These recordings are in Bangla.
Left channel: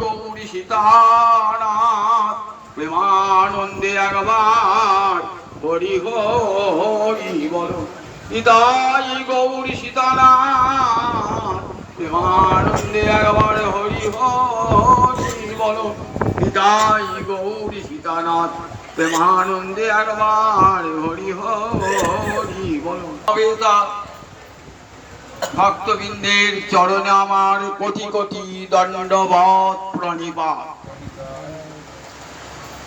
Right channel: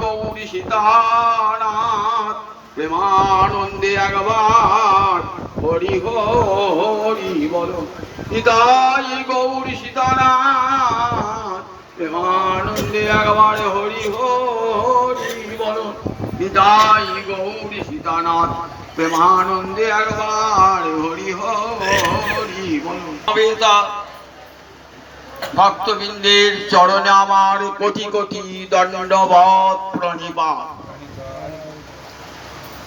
গৌরী সীতানাথ প্রেমানন্দে একবার হরি হরি বল। নিতাই গৌরী সীতানাথ প্রেমানন্দে একবার হরি হরি বল। নিতাই গৌরী সীতানাথ প্রেমানন্দে একবার হরি হরি বল। ভক্তবৃন্দের চরণে আমার কোটি কোটি দণ্ডবৎ প্রণিপাত।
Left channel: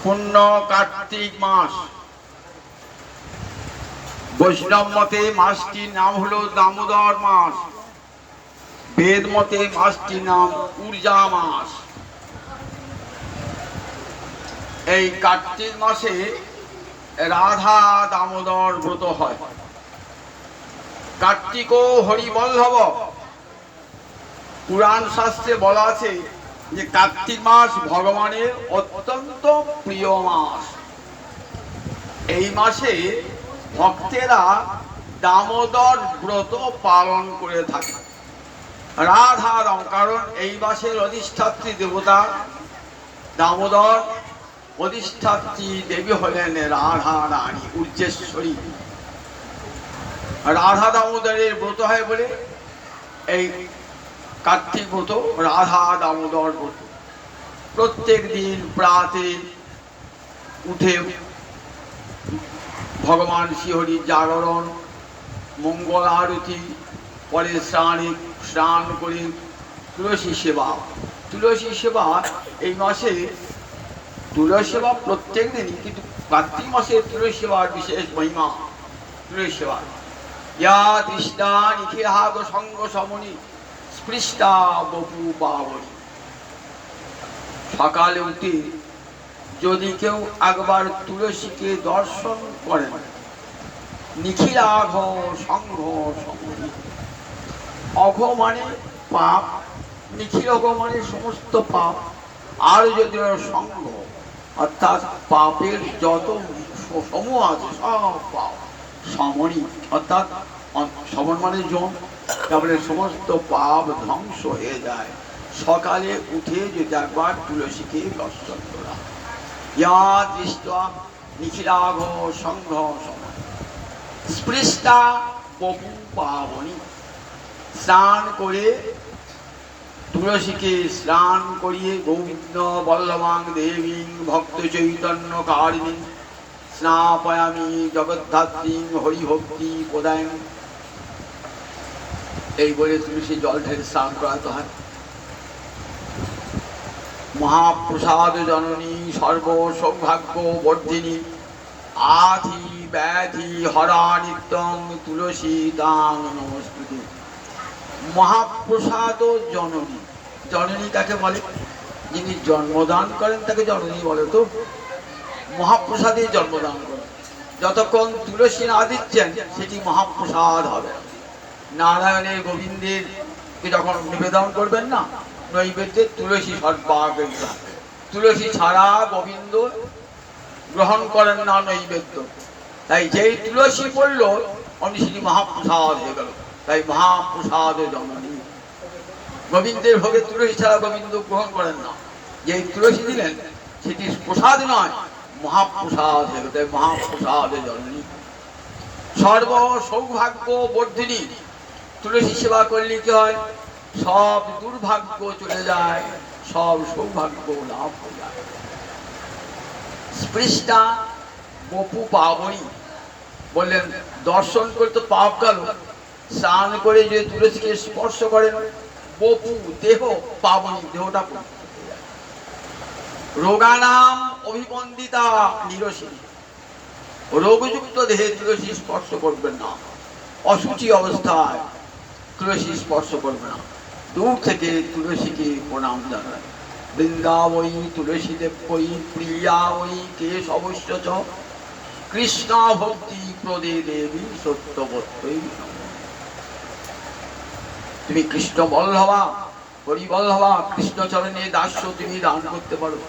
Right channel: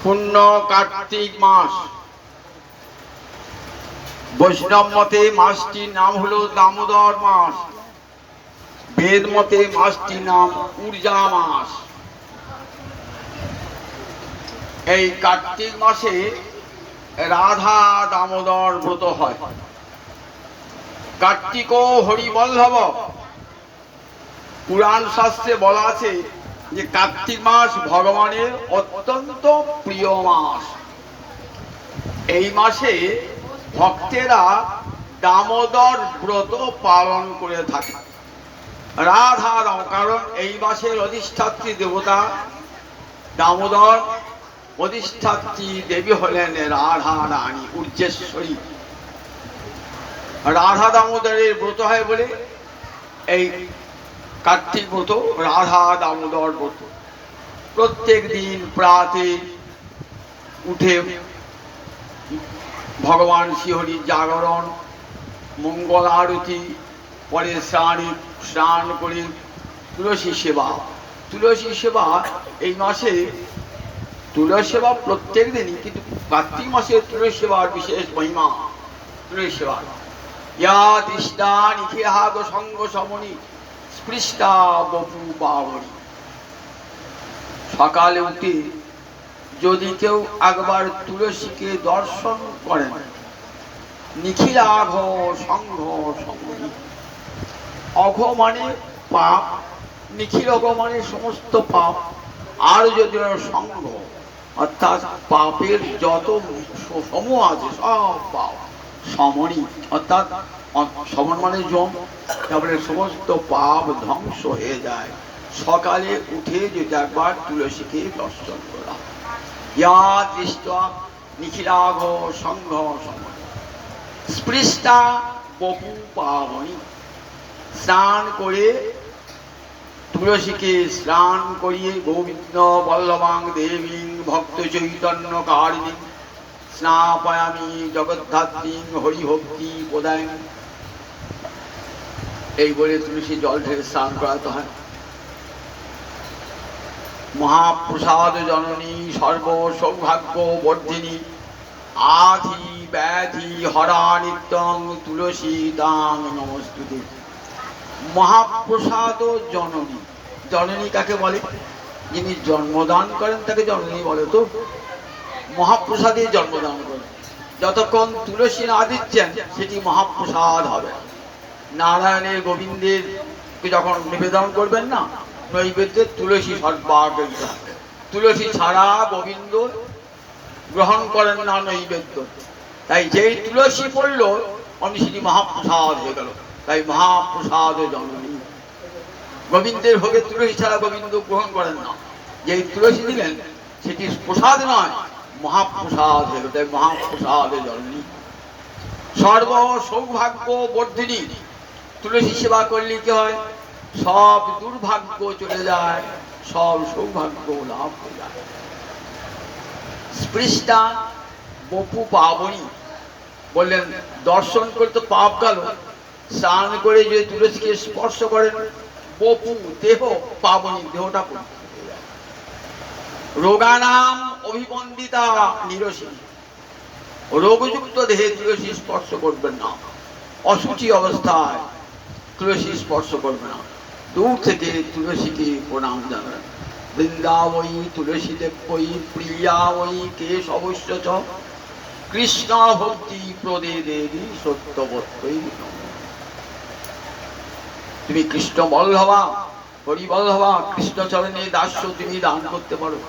পূর্ণ কার্তিক মাস, বৈষ্ণব মতে মাসটির নাম হলো দামোদর মাস, বেদ মতে মাসটির নাম ঊর্জা মাস। এই কার্তিক মাসে রাধা দামোদর ব্রত হয়। কার্তিক হরিবল্লভ, পুরাণ শাস্ত্রে বলা আছে যে কার্তিক মাস ভগবানের অত্যন্ত প্রিয় মাস। এই মাসে ভক্তেরা দামোদর ব্রত পালন করে থাকে। রাধা দাম, কারণ এই মাসের অধিষ্ঠাত্রী দেবতা দামোদর, অধিষ্ঠাত্রী দেবী হলেন রাধা রানী উর্জেশ্বরী। রাধা দামোদরের ব্রত হয় বলে এই কার্তিক ব্রত রাধা দামোদর ব্রত। প্রত্যেক দিন প্রাতে উঠে ভগবান শ্রীহরির জাগরণ, মঙ্গল আরতি, পরে স্নান করে তুলসী সেবা। তুলসী সেবা এই মাসে তুলসী সেবা প্রত্যেক দিনই, কিন্তু কার্তিক মাসে তুলসী সেবার বিশেষ মহিমা। তুলসী সেবা ইয়া তৃষ্ণা নিখিলাদ সঙ্গ সমনি স্পৃষ্টা বপু পাবনি। সকালে উঠে যদি কেউ একবার তুলসীকে দর্শন করেন, নিখিলাঘ সঙ্গ সমনি, অঘ মানে পাপ, নিখিলঘ মানে সমস্ত পাপ, আর যদি সঙ্গ অর্থাৎ পাপের যত সমূহ আছে সব পাপ, সমনি অর্থাৎ সমন মানে জন, তারপরে সমস্ত পাপ ধ্বংস হয়ে যায়। সকালে উঠে যদি একবার তুলসীকে দর্শন করা। ইয়া দৃষ্টা নিখিলাঘ সঙ্ঘ সমনি স্পৃষ্টা বপু পাবনি। স্নান করে তুলসীকে স্নান করিয়ে গোবিন্দ বল্লভাং দেবী ভক্ত চৈতন্য কারিণী স্নাপয়ামি জগদ্ধাত্রী হরিভক্তি প্রদায়। এই বলে তুলসী জল ঢেলে স্নান করাতে হয়। মহাপ্রসাদ জননী সর্ব সৌভাগ্য বর্ধিনী আধি ব্যাধি হরা নিত্যং তুলসী দাং নমস্তুতে। মহাপ্রসাদ জননী, জননী কাকে বলে? যিনি জন্মদান করেন তাকে জননী বলে। তো মহাপ্রসাদে জন্মদান করেন, যতক্ষণ তুলসী না দিচ্ছেন সেটি মহাপ্রসাদ হবে। নারায়ণের গোবিন্দের যখন নিবেদন করবেন না, নৈবেদ্যে তুলসী সর্বাগ্রে, তুলসী ছাড়া গোবিন্দ গ্রহণ করেন না নৈবেদ্য। তাই যেই তুলসী পড়ল অমনি সেটি মহাপ্রসাদ হয়ে গেল। তাই মহাপ্রসাদ জননী। গোবিন্দের ভোগে তুলসী ছাড়া গোবিন্দ গ্রহণ করেন না। যেই তুলসী দিলেন সেটি প্রসাদ নয়, মহাপ্রসাদ হয়ে গেল। তাই মহাপ্রসাদ জননী। সর্ব সৌভাগ্য বর্ধিনী। তুলসী সেবা করলে কি হয়? সব দুর্ভাগ্য চলে যায়, সব সৌভাগ্য লাভ হয়ে যায়। স্পৃষ্টা বপু পাবনি বললেন, দর্শন করে তো পাপ গেল, স্নান করে যদি তুলসীকে স্পর্শ করেন বপু দেহ পাবনি, দেহটা রোগানাম অভিবন্দিতা নিরসিনী। রোগযুক্ত দেহে তুলসী স্পর্শ করবেন না, অসুচি অবস্থায় তুলসী স্পর্শ করবে না, দূর থেকে তুলসীকে প্রণাম জানান। বৃন্দাবই তুলসী দেবই প্রিয়া ওই কেশ অবশ্য চ কৃষ্ণ ভক্তি প্রদে দেবী সত্যবত্তই। তুমি কৃষ্ণ বল্লভা, হরিবল্লভা, কৃষ্ণচরণে দাস্য তুমি দান করতে পারো।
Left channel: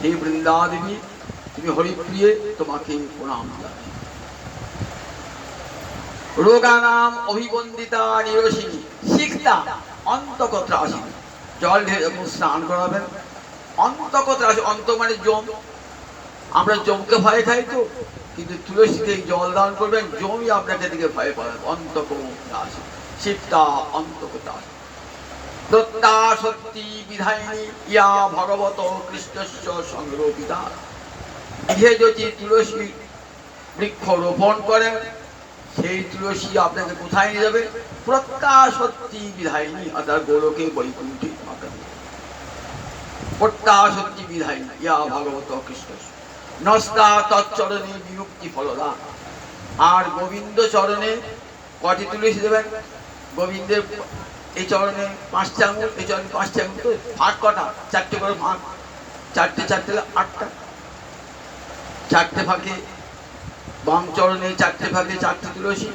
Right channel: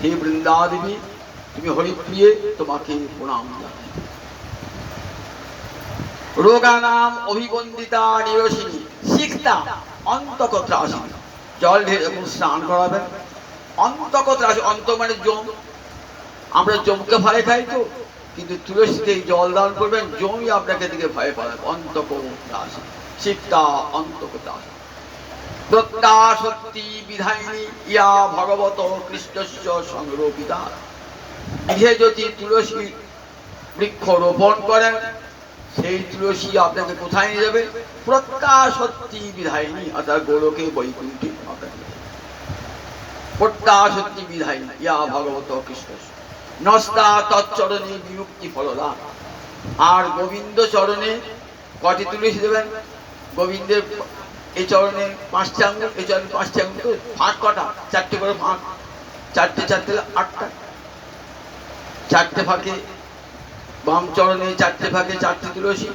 হে বৃন্দা দেবী, তুমি হরিপ্রিয়ে, তোমাকে প্রণাম জানাই। রোগানাম অভিবন্দিতা নিরসিনী সিক্তা অন্তকত্রাসিনী। জল ঢেলে স্নান করাবেন। অন্তকথা আছে, অন্ত মানে জম। আমরা জমকে ভয় খাই তো, কিন্তু তুলসীকে জল দান করবেন, জমই আপনাকে দিকে ভয় পাবে। অন্তকথা আছে, শিবটা অন্তকথা। প্রত্যা সত্যি বিধায়িনী ইয়া ভগবত কৃষ্ণস্য সংরোপিতা। গৃহে যদি তুলসী বৃক্ষ রোপণ করেন, সেই তুলসী আপনাকে কোথায় নিয়ে যাবে? প্রত্যা সত্যি বিধায়িনী, অর্থাৎ গোলকে বৈকুণ্ঠে। প্রত্যা সত্যি বিধায়িনী ইয়া ভগবত কৃষ্ণস্য নস্তা তৎচরণে বিমুক্তি ফলদা। আর গোবিন্দ চরণে কটি তুলসী দেবেন? গোবিন্দের এই চরণে 5টে আঙুল, এই চরণে 5টে আঙুল, তো ফাঁক কটা? 4টে করে ফাঁক, 4টে 4টে 8টা। 4টে ফাঁকে বাম চরণে 4টে ফাঁকে 4টে তুলসী,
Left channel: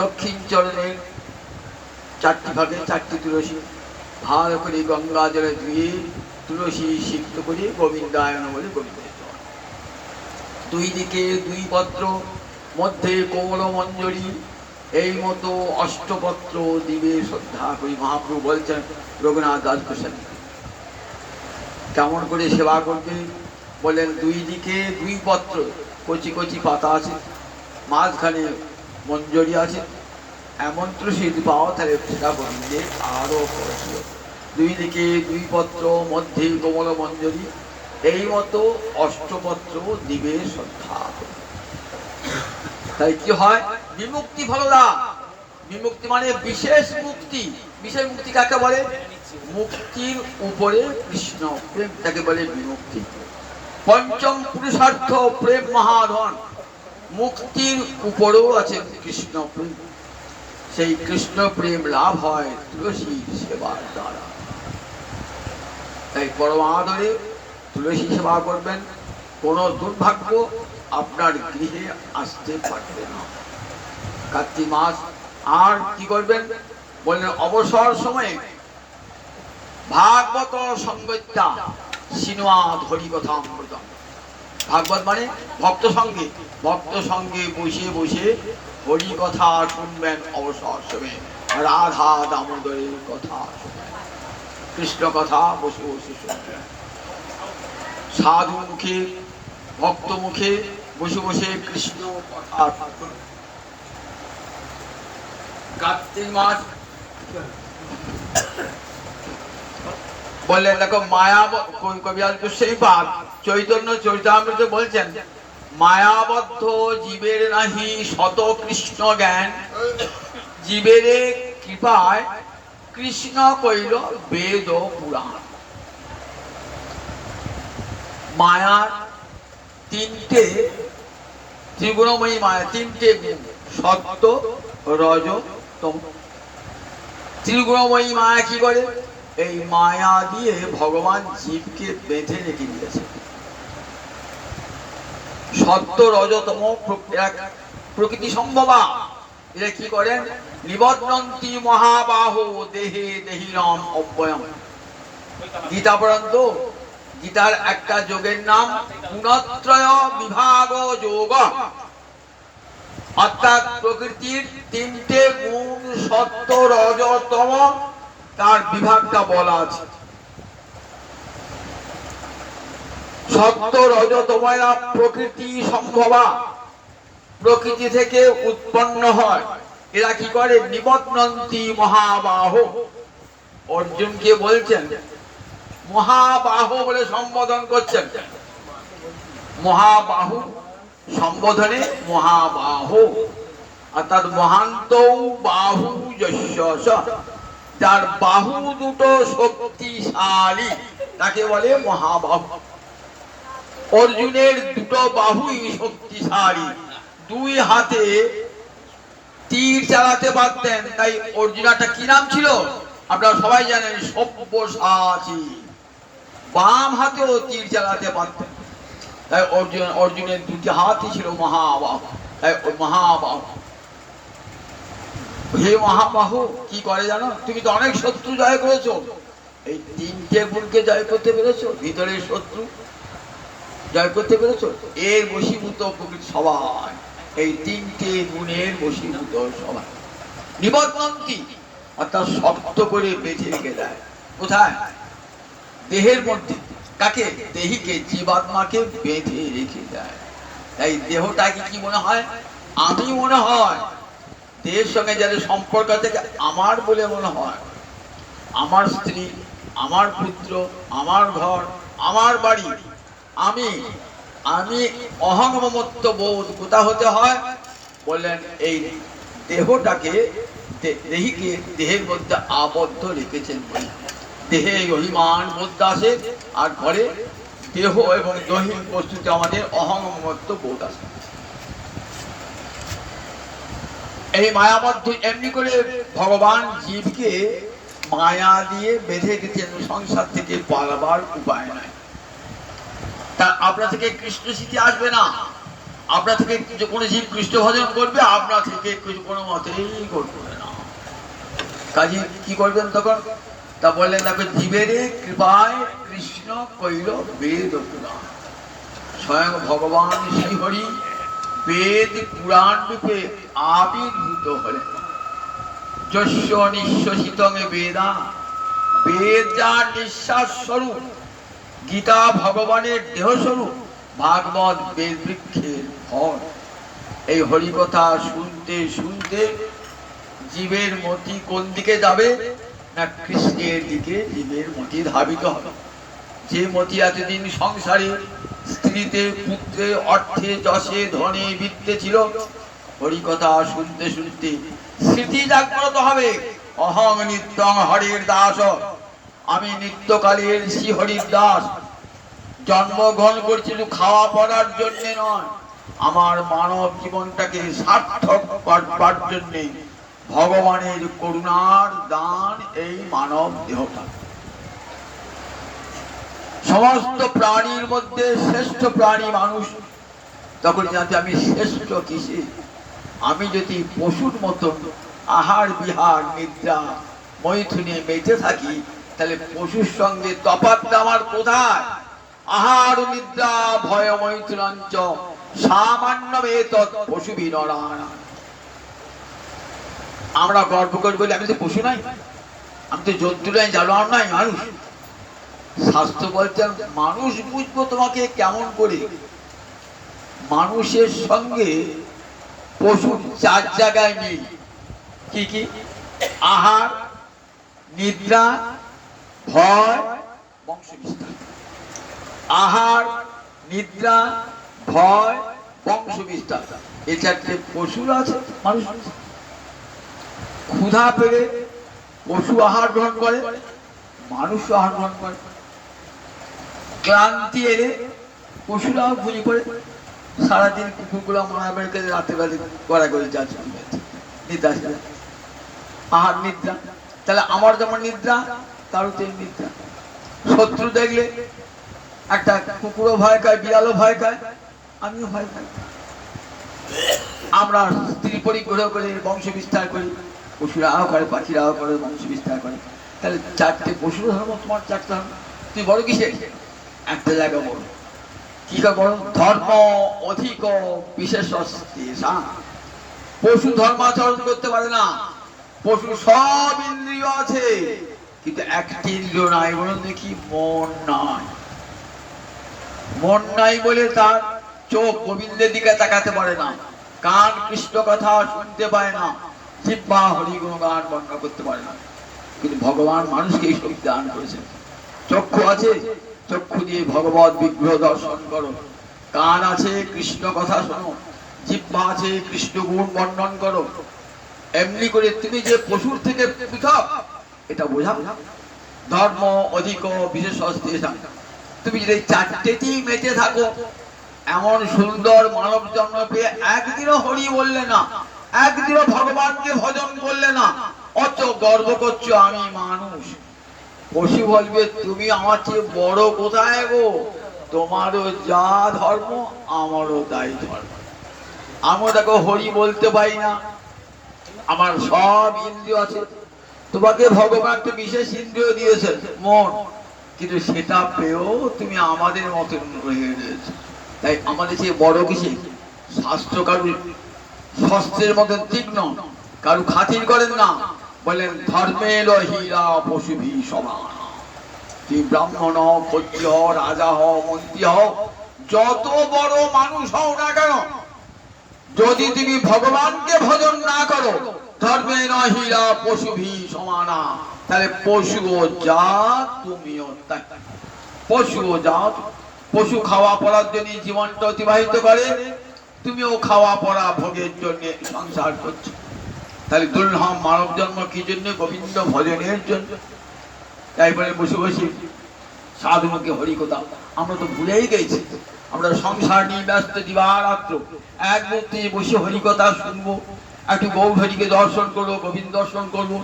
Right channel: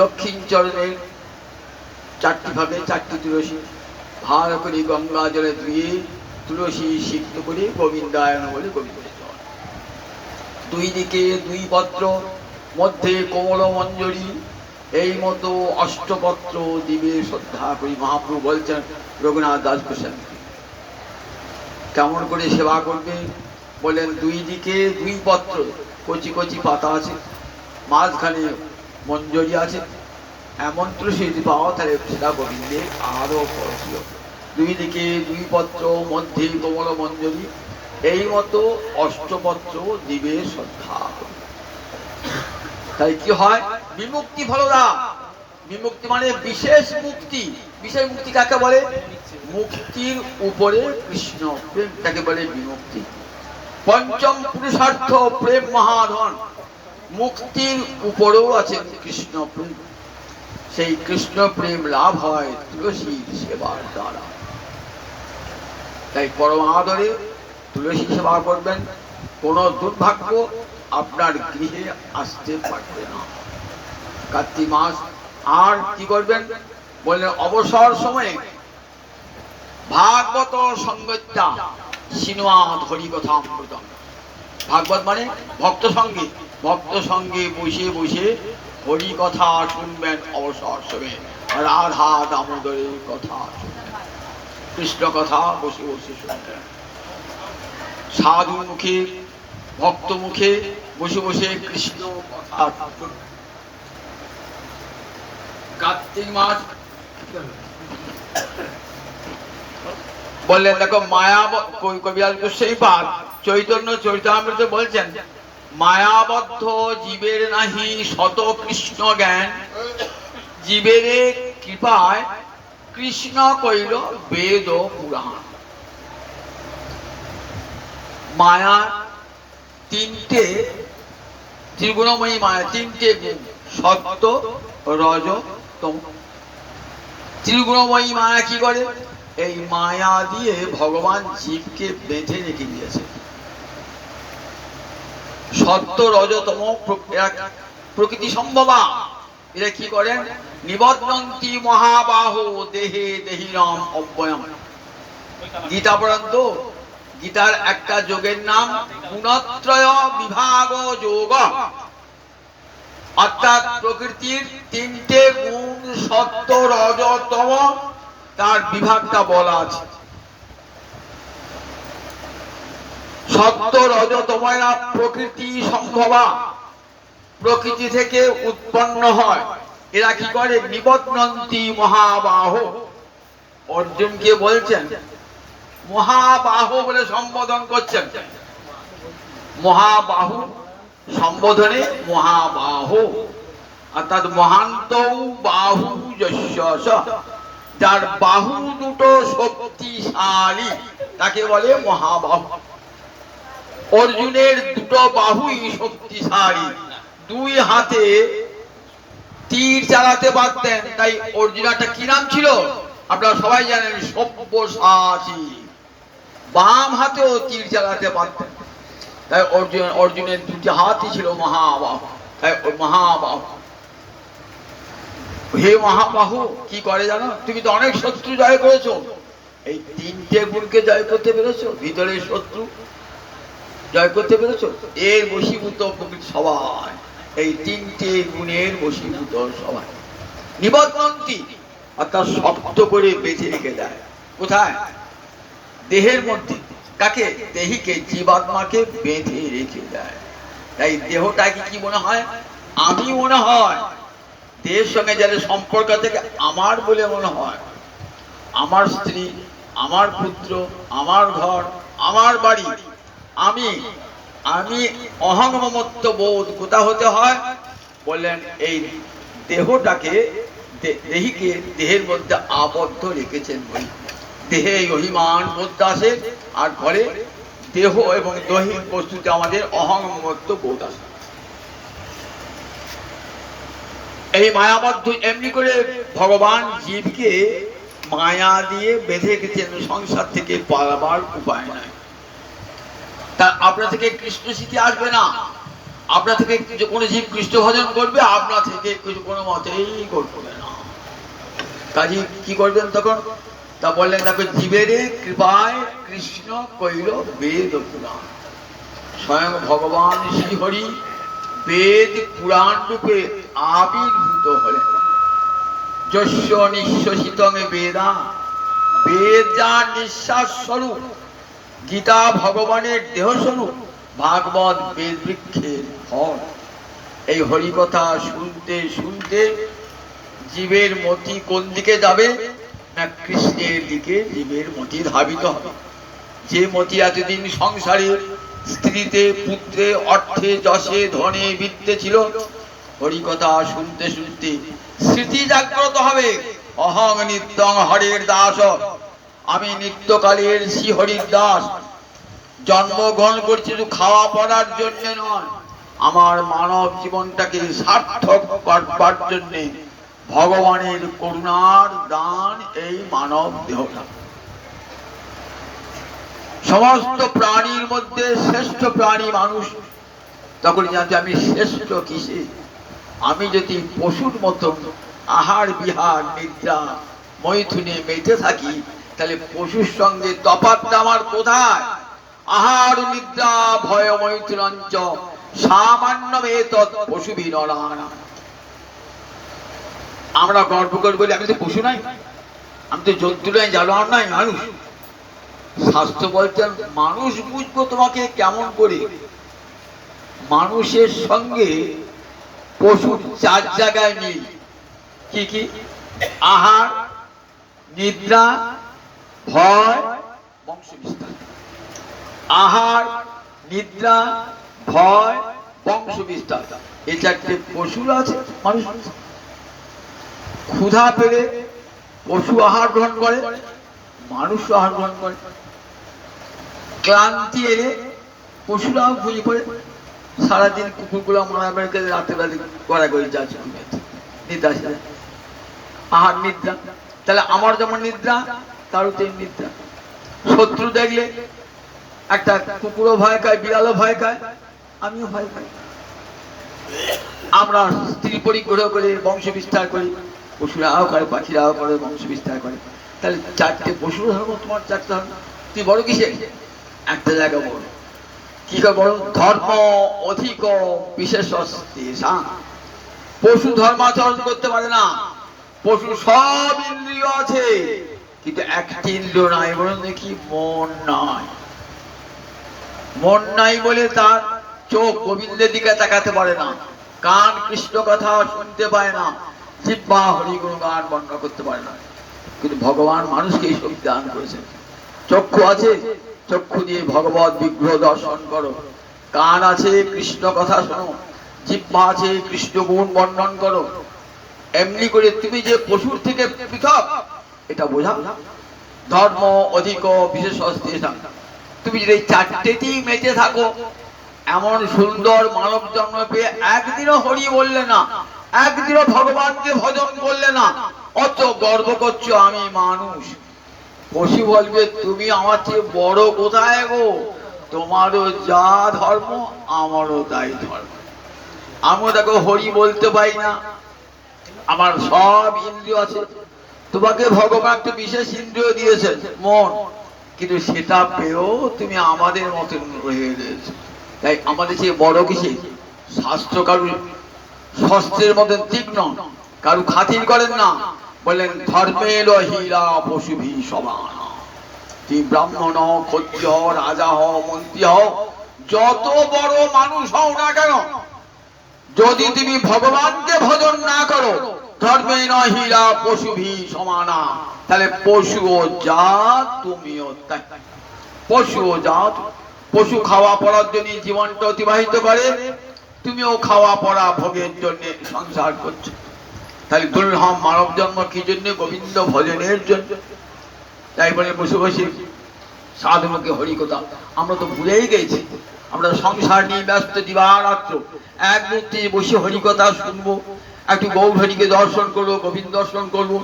দক্ষিণ চরণে 4টে ফাঁকে 4টে তুলসী। ভালো করে গঙ্গা জলে ধুয়ে তুলসী সিক্ত করে গোবিন্দায়ন বলে গোবিন্দ চরণ। দুই দিকে 2 পত্র, মধ্যে কোমল মঞ্জরি, এই মতো অষ্টপত্র দিবে শ্রদ্ধা করি। মহাপ্রভু বলছেন রঘুনাথ দাস গোস্বামী কেমন করে সেবা করবে বলেন। 2 দিকে 2 পত্র, কচি কচি পাতা আছে, মাঝখানে মঞ্জরি আছে। এমন তুলসী যদি পাওয়া তাহলে সেটা গোবিন্দের আরো পরশীয়। 2 দিকে 2 পত্র, মধ্যে কোমল মঞ্জরি, এই মতো অষ্টপত্র দিবে শ্রদ্ধা করি। তাই কি হয়? বিমুক্তি ফলদা। বিমুক্তি মানে বিশেষ মুক্তি। বিশেষ মুক্তি কাকে বলে? মুক্তির উপরে কৃষ্ণ প্রেম, তাকে বলে বিমুক্তি। পঞ্চম পুরুষার্থ প্রেম মহাধন। মুক্তির উপরেও আছে কৃষ্ণ প্রেম। সেই কৃষ্ণ প্রেম লাভ হয় তুলসীর সেবার দ্বারা। তাই পরম আদরে তুলসী সেবা করবেন। কোন দুর্ভাগ্য আপনার গৃহে আসতে পারবে না। কার্তিক মাস। আর কি করবেন বললেন? অবসর সময়ে ভাগবত সঙ্গত্যা সিনেমা হরি কথা অমৃতম। ভাগবত মানে ভক্ত সঙ্গে, ভক্ত সঙ্গে বসে বসে হরি কথা শুনবেন। অবসর সময়ে রাধা দামোদরের কথা শুনবেন, কৃষ্ণ কথা বসে বসে শুনবেন। সাধু মুখে, ভক্ত মুখে বসে বসে কৃষ্ণ কথা। কার্তিক মাস বললেন দেখো মায়া, কবিরাজ গোস্বামী পাদ চৈতন্য চরিতামৃতে বলছেন মায়াবদ্ধ জীবের নাহি শত কৃষ্ণ জ্ঞান, জীবের কৃপায় কৃষ্ণ কইল বেদ পুরাণ। মায়ার 3টে ত্রিগুণময়ী মায়া, 3টে গুণ, সত্য রজ তম। ত্রিগুণময়ী মায়া কি করে? এই মায়া দিয়ে ভগবান জীবকে বেঁধে রেখে দিয়েছে। সত্য রজতম প্রকৃতি সম্ভবা। এরা কি করেন? নিবদ্ধন্তি মহাবাহো দেহে দেহিরাম অব্যয়ম। গীতা পর্যন্ত, গীতার একটা যোগের নাম গুণত্রয় বিভাগ যোগ। অর্থাৎ প্রকৃতির 3টে গুণ সত্য রজতম, তার বিভাগটা বলা আছে। সত্য রজতময়া প্রকৃতি সম্ভবা, প্রকৃতি থেকে উৎপন্ন হয়। এরা কি করে? নিবদ্ধন্তি মহাবাহ। অর্জুনকে বলছেন মহাবাহ বলে সম্বোধন করছেন। মহাবাহু সম্বোধনে মহাবাহ, অর্থাৎ মহান্ত বাহু যস্য, যার বাহু দুটো শক্তিশালী তাকে বলে মহাবাহু। অর্জুনের 2টো বাহুই শক্তিশালী, 2 হাতে তীর চালাতে পারতেন। তাই অর্জুনাটা কি নাম ছিল আপনারা সবাই জানেন? সব্যসাচী। বাম হাতেও তীর চালাতে পারতেন। তাই অর্জুনের 2টি হাতই ছিল মহাবাহু। তাই মহাবাহু। হে মহাবাহু কি করে জানো? তুমি তো অনেক শত্রু জয় করেছো। এই 3টে গুণকে জয় করতে পেরেছো? ভিতরের শত্রু জয় করতে পেরেছো? এর বশীভূত সবাই, এই 3টে গুণের বশীভূত সবাই। নিবদ্ধন্তি অর্থাৎ শক্ত করে বেঁধে রেখে দেয়। কোথায়? দেহের মধ্যে। কাকে? দেহিকে, জীবাত্মাকে বেঁধে রেখে দেয়। তাই দেহটাকে কি মনে হয়? আমি মনে হয়। দেহের সঙ্গে যাদের সম্পর্ক থেকে আমার বলে মনে হয়। আমার স্ত্রী, আমার পুত্র, আমার ঘর, আমার বাড়ি, আমি আমি অহং মমত্ব বোধ কোথা হতে হয়? বললেন এই দেহটাকে, দেহিকে দেহের মধ্যে আবদ্ধ রেখেছেন বলে দেহে অভিমান বোধ আসে, আর ঘরে দেহ এবং দৈহিক বস্তুতে আমাদের অহং মমত্ব বোধ আসে। এই মায়াবদ্ধ এমনি করে ভগবান জীবকে মায়া দিয়ে বেঁধে দিচ্ছেন, সংসার থেকে পালাবার উপায় নাই। তা আপনা থেকে কৃষ্ণ স্মৃতি আসবে না। আপনা থেকে যে কোনো জীব কৃষ্ণ ভজন করবে, আপনা থেকে কিছু কোনো মতেই করবে না। কাজী কি করবেন তখন? তা বললেন দেখো, জীবের কৃপায় কৃষ্ণ কইল বেদ পুরাণ। স্বয়ং ভগবান শ্রীহরি বেদ পুরাণ রূপে আবির্ভূত হলেন। যস্য নিঃশ্বাসিতং বেদা, বেদ যার নিঃশ্বাস স্বরূপ, গীতা ভগবানের দেহ স্বরূপ, ভাগবত বেদ বৃক্ষের ফল। এই হরিকথা শুনতে শুনতে জীবের মতি কোন দিকে যাবে? না কৃষ্ণের দিকে জীবের মতি ধাবিত হবে। যে মতি এতদিন সংসারে স্ত্রীতে, পুত্রে, অর্থে, যশে, ধনে, বিত্তে ছিল, হরিকথা শুনতে শুনতে স্মৃতি জাগ্রত হবে। অহং নিত্যং হরের দাস, আমি নিত্যকালের শ্রী হরির দাস। জন্মগ্রহণ করছি শুধু খাওয়া পড়ার জন্য নয়, আমার মানব জীবনটাকে সার্থক করবার জন্য ভগবানের করুণার দান এই মানব দেহটা। সমস্ত প্রাণীর মধ্যে শ্রেষ্ঠ প্রাণী মানুষ। তখন জানতে আমি শ্রেষ্ঠ কিসে? আমি যদি পশুর মতো আহার বিহার নিদ্রা মৈথুনে মেতে থাকি, তাহলে পশুর সঙ্গে তফাৎটা আমার কোথায়? আহার নিদ্রা ভয় মৈথুনঞ্চ সামান্য এতৎ পশু বিনরানা। আমরা গর্ব করে বলি আমি তো পশু নাই, আমি তো জন্তু নাই, জানোয়ার নাই, মানুষ। শাস্ত্র বলছেন মানুষ বুঝবো তোমাকে কেমন করে? মানুষের সঙ্গে পশুর 4 জায়গায় মিল। কি কি? আহার, নিদ্রা, ভয়, বংশ বিস্তার। আহার, নিদ্রা, ভয়, বংশ বিস্তার, এই 4টে পশুর আছে মানুষ। ক্ষুধা পেলে পশু আহার গ্রহণ করে, মানুষ আহার গ্রহণ করে। ক্লান্তি এলে পশুরা ঘুমিয়ে পড়ে। সারাদিন কুকুরগুলো মারা বাড়িতে রাতের বেলা গড়াগড়ি যাচ্ছে, নিদ্রা আসে। আহার নিদ্রা, তাহলে আমার যেমন নিদ্রা তারও তেমনি নিদ্রা। শত্রু দেখলে একটা কুকুরও ভয় খায়, বিড়ালও ভয় খায়, আমিও ভয় খাই। আমরা স্ত্রী পরিগ্রহ করে বংশ বিস্তার করি, পশুরাও করে, পাখিরাও করে, বংশ বিস্তার করে। তাহলে 4টে পশুর ধর্ম, তোমার 4টে ধর্ম। তুই বড় কিসে? একটা জায়গা বড়। কি করে বড়? ধর্ম অধিক বিশেষ। পশু ধর্মাচরণ করতে পারে না। পশু সব ইন্দ্রিয় আছে, কিন্তু একটি ইন্দ্রিয় নাই, বলেন দেখি মন নাই। মন নাই বলে তার চোখ গোবিন্দের দিকে তাকাতে পারে না, কান কৃষ্ণ কথা শুনতে পায় না, জিহ্বা হরি গুণ গান বর্ণনা করতে পারে না। কিন্তু ভগবান মানুষকে এই শক্তি দান করেছেন। চক্ষু আছে, চক্ষু দিয়ে ভগবত বিগ্রহ দর্শন করো। কান আছে, কৃষ্ণ কথা শোনো। জিহ্বা আছে, কৃষ্ণ গুণ বর্ণন করো। এমনি করে তুমি যে পশুর থেকে পৃথক এটা বোঝা। ধর্ম অধিক বিশেষ। তুমি যদি 4টেতেই মেতে থাকো, এমন সুন্দর মানব জন্ম পেয়ে একদিনও হরি বললে না, একদিনও ভগবানকে ভজন করলে না, অত গর্ব করছো আমি মানুষ। পশু বলবে তুমি আমার চেয়ে বড় কোথায় গো? তোমারও যা ধর্ম আমারও তাই ধর্ম। আমিও দেখো হরি বলতে পারি না, আমার সব ইন্দ্রিয় আছে। তোমাকে ভগবান একটা বিশেষ ইন্দ্রিয় দিয়েছেন, মন, কিন্তু সেটা পেয়েও তুমি আমাদের মতন রয়ে গেছো। তাই আমাদের চেয়ে বড় কিসে? শাস্ত্র কারু শস্ত্রের মতন তীক্ষ্ণ, কারু খাতির করেন না। বললেন ধর্মের হীরা পশুভি সমান। তুমি ব্রাহ্মণ হও, ক্ষত্রিয় হও, রাজা হও, মন্ত্রী হও, যত বড় মানুষ হও না কেন, যদি তুমি ভগবানকে ভজন না করো, ধর্মে নহিলা পশুভি সমানা, তাহলে পশু ও জাত তুমিও তাই। পশু ও জাত, পশু খাওয়া পড়ার জন্য জীবনটা অতিবাহিত করে, তুমিও খাওয়া পড়া ভোগের জন্য সংসার করছো। তাহলে দুর্লভ মানব জন্ম কি জন্য? গোবিন্দ ভজনের জন্য। তাই বলে বসে বসে সাধু মুখে হরিকথা আমরা তো ভুলেই গেছি। আমরা সংসার নিয়ে ব্যস্ত দিবারাত্র, এক মুহূর্তে বসে হরিকথা শুনবো, একটু গৌরহরিকে দর্শন করবো, গোবিন্দ দর্শন করবো,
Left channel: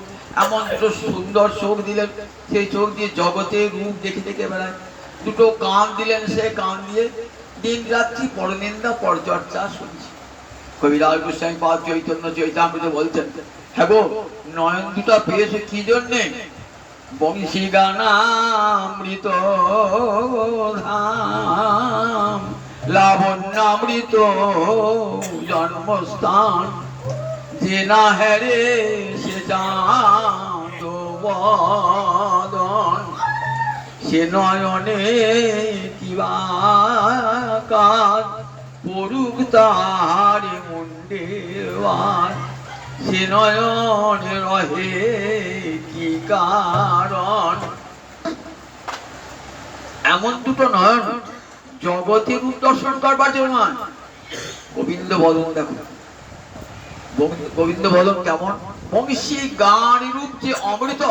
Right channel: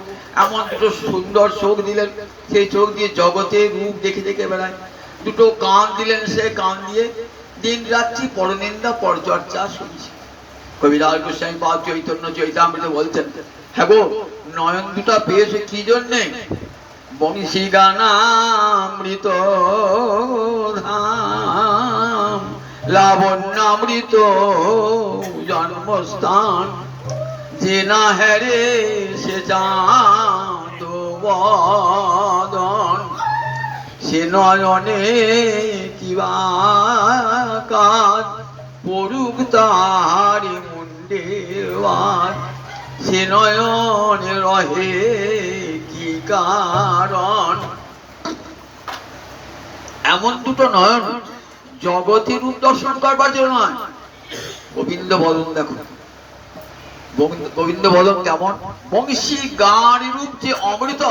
এমন দুটো সুন্দর চোখ দিলেন, সেই চোখ দিয়ে জগতের রূপ দেখে দেখে বেড়ায়। দুটো কান দিলেন, সে কান দিয়ে দিন রাত্রি পরনিন্দা পরচর্চা শুনছি। কবিরাজ গোস্বামী পাদ চৈতন্য চৈতামৃত বলছেন, হ্যাঁ গো, নয়ন দুটা পেয়েছে কি জন্যে? বংশী গানামৃত ধাম, লাবণ্যামৃত জন্মস্থান, যে না হেরে সে চাঁদ বদন, সে নয়নে কিবা কাজ পড়ুক তার মুন্ডেওয়ার, সে নয়নে রহে কি কারণ। এমন দুটো নয়ন জগতের রূপ দর্শন করবার জন্য নয়। গোবিন্দ বদন দেখো, গোবিন্দ বদন কেমন? বংশী গান রূপ যে অমৃত,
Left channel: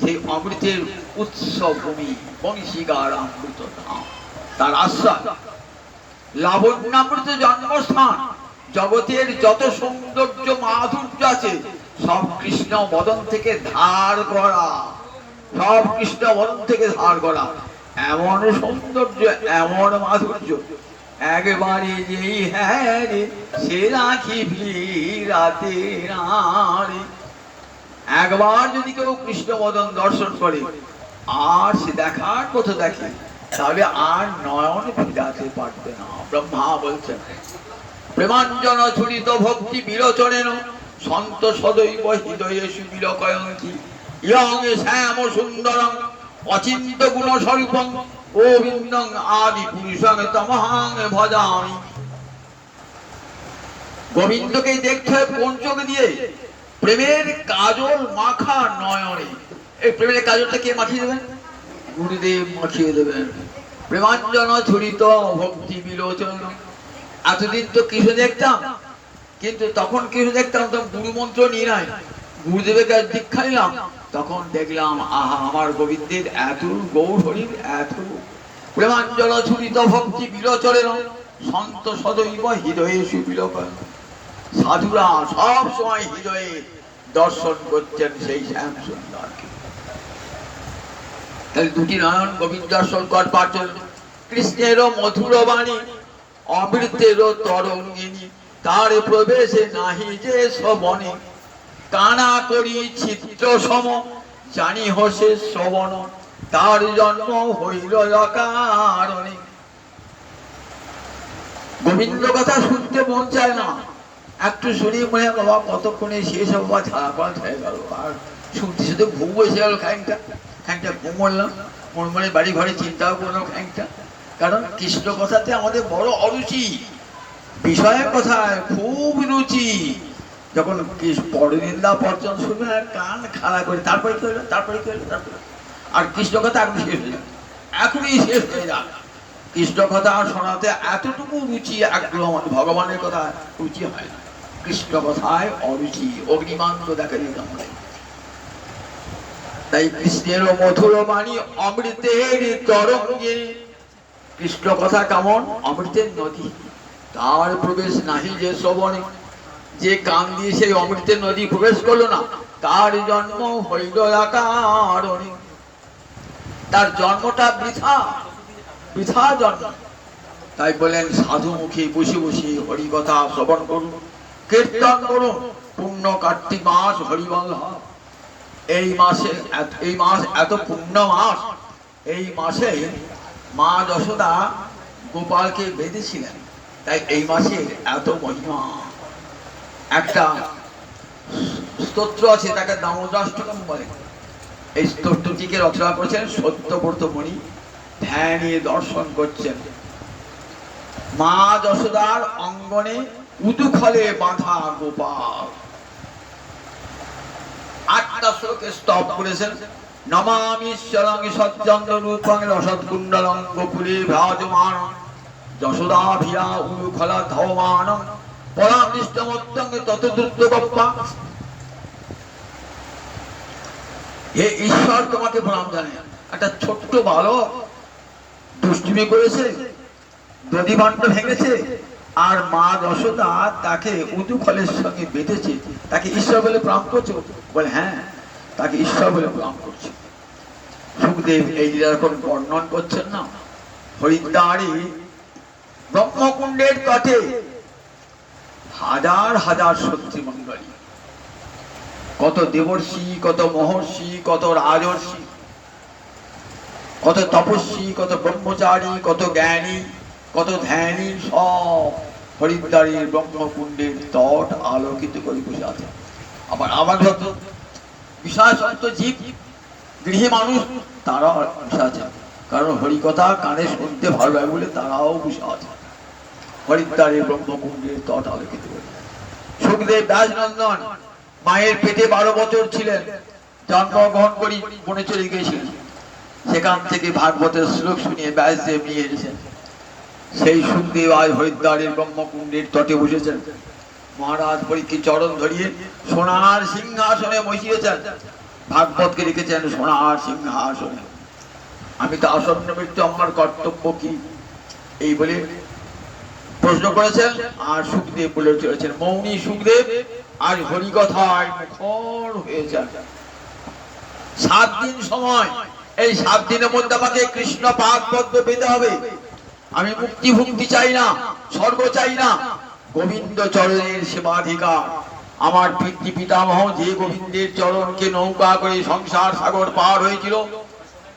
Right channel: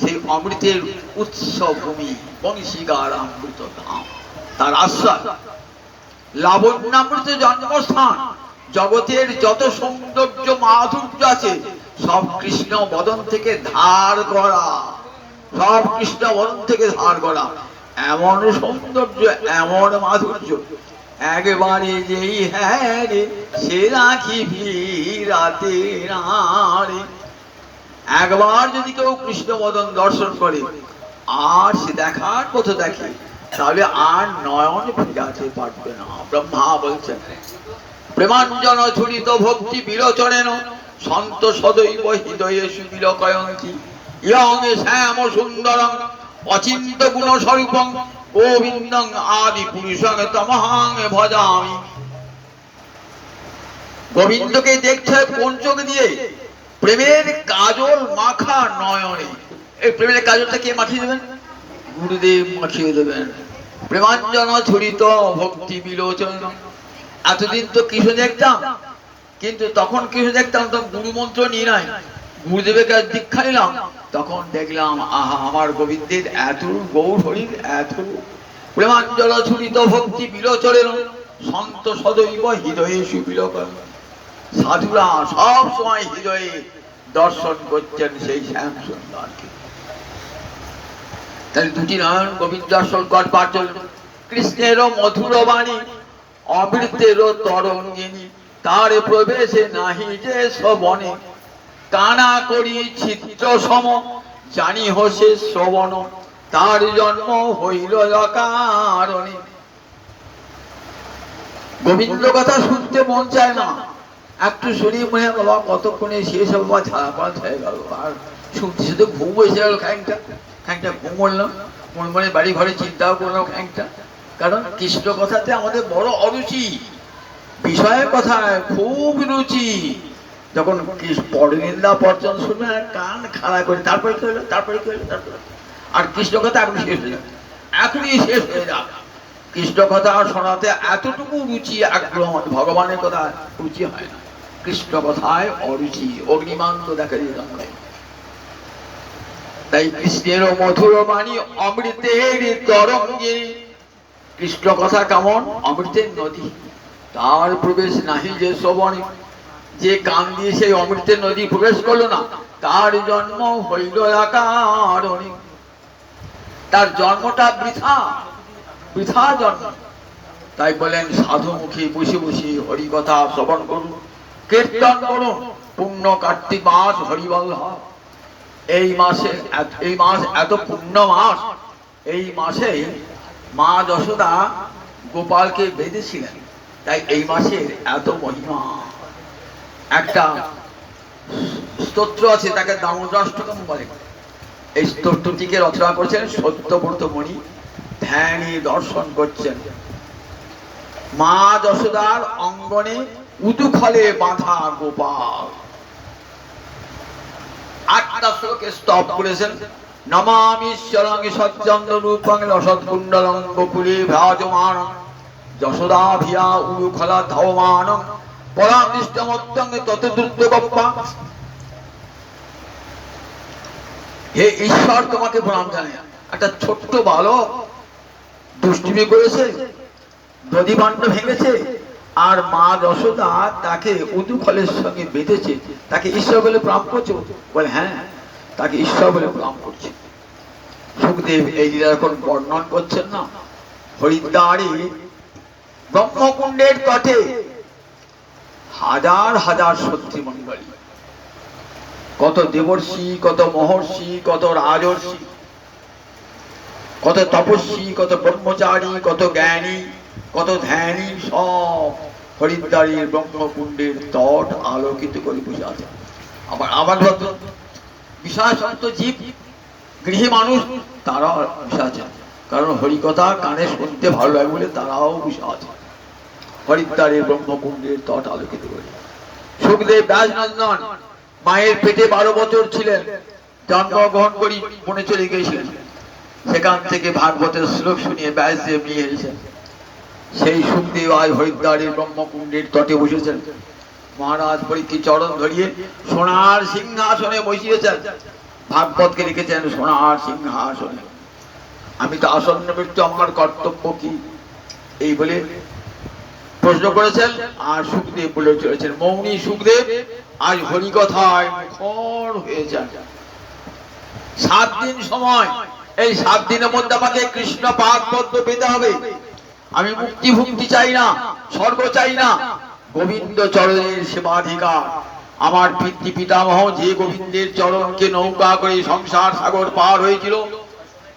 সেই অমৃতের উৎস ভূমি বংশী গার অমৃত ধাম, তার আশ্রয়। লাবণ্যামৃত জন্মস্থান, জগতের যত সৌন্দর্য মাধুর্য আছে সব কৃষ্ণ বদন থেকে ধার করা, সব কৃষ্ণ বদন থেকে ধার করা। এমন সৌন্দর্য, এমন মাধুর্য, একবারে যেই হ্যাঁ রে সে রাখিবি রাতে রে। একবার যদি কেউ কৃষ্ণ বদন দর্শন করে আর সে দেখার পথে দেখে, তাহলে আর নয়ন ফিরাতে পারবে না। ব্রহ্মা বলছেন, প্রেমাঞ্জন ছুরিত ভক্তি বিলোচনেন, সন্ত সদৈব হৃদয়ে সুবিলকয়ন্তি, ইয়ং শ্যাম সুন্দরং অচিন্ত গুণ স্বরূপং, গোবিন্দং আদি পুরুষং তমহাং ভজামি। গোবিন্দকে দেখতে হয় কোন চোখ দিয়ে? প্রেমের কাজল মাখা নয়নে। এই প্রেমের কাজলটা কে মাখিয়ে দেবেন? গুরুদেব মাখিয়ে দেবেন। প্রেমাঞ্জন ছুরিত ভক্তি বিলোচন। এতদিন তো কৃষ্ণ দেখতাম, কিন্তু তখন কৃষ্ণ দেখতাম তো গুরু মন্ত্র নিয়ে নাই, গুরুদেবের কাছে দীক্ষা নিলাম, তখন দেখলাম আহা আমার গোবিন্দের এত গৌর হরির এত। প্রেমাঞ্জল ছুরিত ভক্তি বিলোচন, সন্ত সদৈব হৃদয়ে সুবিলোচন। সাধুরা সব সময় হৃদয়ে দর্শন করছেন সেই শ্যাম সুন্দরকে। তাই দুটি নয়ন গোবিন্দ দর্শন করবার জন্য। কৃষ্ণের মধুর বাণী অমৃতের তরঙ্গিনী, তার প্রবেশে নাহি যে শ্রবণে, কানা করি চিত্র সম জানি হোসে শ্রবণ, তার জন্ম হইল অকারণে। গোবিন্দ কথা শুনতে মন চায় না, একটু শুনি মনে বাবা কতক্ষণে শেষ হবে, বা ছাড়া পাড়া হয়ে গেল, আর শুনতে শুধু ঘুম এসে গেল, খানিকটা ঘুম বললাম, মন মনে বাড়ি ঘরে চিন্তাও করলাম খানিকটা। কারণ কৃষ্ণ কথাতে আমাদের বড় অরুচি, বিষয়ের কথায় খুব রুচি। যখন পরনিন্দা পর্যন শুনবে কান খাড়া করে, তারপরে কি হলো, তারপরে কি হলো, তারপরে আর কৃষ্ণ কথা এখন শেষ হয়ে যাবে, এখনই শেষ হয়ে যাবে। কৃষ্ণ কথা শোনাতে এতটুকু রুচি আগ্রহ, ভগবানের কথা রুচি হয় না, কৃষ্ণ কথায় অরুচি, অগ্নিমান্ত দেখা দিয়ে যায়। তাই কৃষ্ণের মধুর বাণী অমৃতের তরঙ্গে। কৃষ্ণ কথা কেমন? অমৃতের নদী, তার প্রবেশ নাহি যে শ্রবণে। যে কান দিয়ে সেই অমৃতের নদী প্রবেশ করলো না, তার জন্ম হইল অকারণে। তার জন্মটা বৃথা, বৃথা জন্ম। তাই বলেন সাধুমুখী বসে বসে হরি কথা শ্রবণ করুন, কীর্তন করুন। পূর্ণ কার্তিক মাস হরিবল। এই মাসে, এই মাস এত পূর্ণ মাস, এই মাসে মা যশোদা গোপালকে বেঁধেছিলেন, তাই এই মাসে এত মহিমা। একটা স্তোত্র আছে, তাকে দামোদরাষ্টকম বলে। এই স্তোত্রটিকে রচনা করেছেন সত্যব্রত মণি, ধ্যানে দর্শন করছেন। মা যশোদার অঙ্গনে উদুখলে বাঁধা গোপাল। 8টা শ্লোকে স্তব করেছেন। নমামি শরং সচ্চন্দ্র রূপং রসৎকুণ্ডলং গোকুলে ভ্রাজমান যশোদা ভিয়া উদুখলা ধাবমান পরামৃষ্টমত্তং ততদ্রুত গপ্পা। হে ঈশ্বর, তোমাকে প্রণাম জানাই। একটা ছোট্ট বালক দুষ্টুমি করেছে, দধি ভাণ্ড ভেঙেছে, আর মা যশোদা তাকে উদুখলের সঙ্গে বেঁধেছে, তাকে ঈশ্বর বলে প্রণাম করছে। বলে হ্যাঁ, তাকে ঈশ্বর বলে প্রণাম করছে। সুখদেব এই এখন বর্ণন করছেন না। হরিদ্বারে ব্রহ্মকুণ্ডের তটে হাজার হাজার সত্যি মঙ্গলী, কত দেবর্ষি, কত মহর্ষি, কত রাজর্ষি, কত তপস্বী, কত ব্রহ্মচারী, কত জ্ঞানী, কত ধ্যানী, সব হরিদ্বারের ব্রহ্মকুণ্ডের তট আলোকিত করে বসে আছে। আবার আবার বিশাল সন্ত জীব, গৃহী মানুষ, তারাও বসে আছে, কারণ হরিকথা কানে শুনতে ভালো লাগে বলে তারাও বসে আছে হরিদ্বারের ব্রহ্মকুণ্ডের তট আলোকিত করে। সুখদেব ব্যাসনন্দন মায়ের পেটে 12 বছর ছিলেন, জন্মগ্রহণ করি বনে চলে গিয়েছিলেন। সেখান থেকে ভাগবতের শ্লোক শুনিয়ে ব্যাসদেব নিয়ে এসেছেন। সেই সুখদেব আজ হরিদ্বারের ব্রহ্মকুণ্ডের তটে বসেছেন। মহারাজ পরীক্ষিত চরণ ধরিয়ে সোনার সিংহাসনে বসিয়েছেন। ভাগবতকে লিখেছেন সোনার সিংহাসনে। আমি তো আসন্ন মৃত্যু, আমার কর্তব্য কি, এই বলে প্রশ্ন করেছেন। আর সুখদেব বলে চলেছেন, মৌনী সুখদেব আজ হরিকথায় মুখর হয়েছেন। 7 দিন সময়, এই 7 দিনের মধ্যে আমাকে কৃষ্ণ পাদ পদ্ম পেতে হবে। আমি মুক্তি ভুক্তি চাই না, স্বর্গ চাই না, গোবিন্দ চরণের সেবাধিকার। আমার পিতৃ পিতামহ যে গোবিন্দের চরণকে নৌকা করে সংসার সাগর পার হয়েছিল,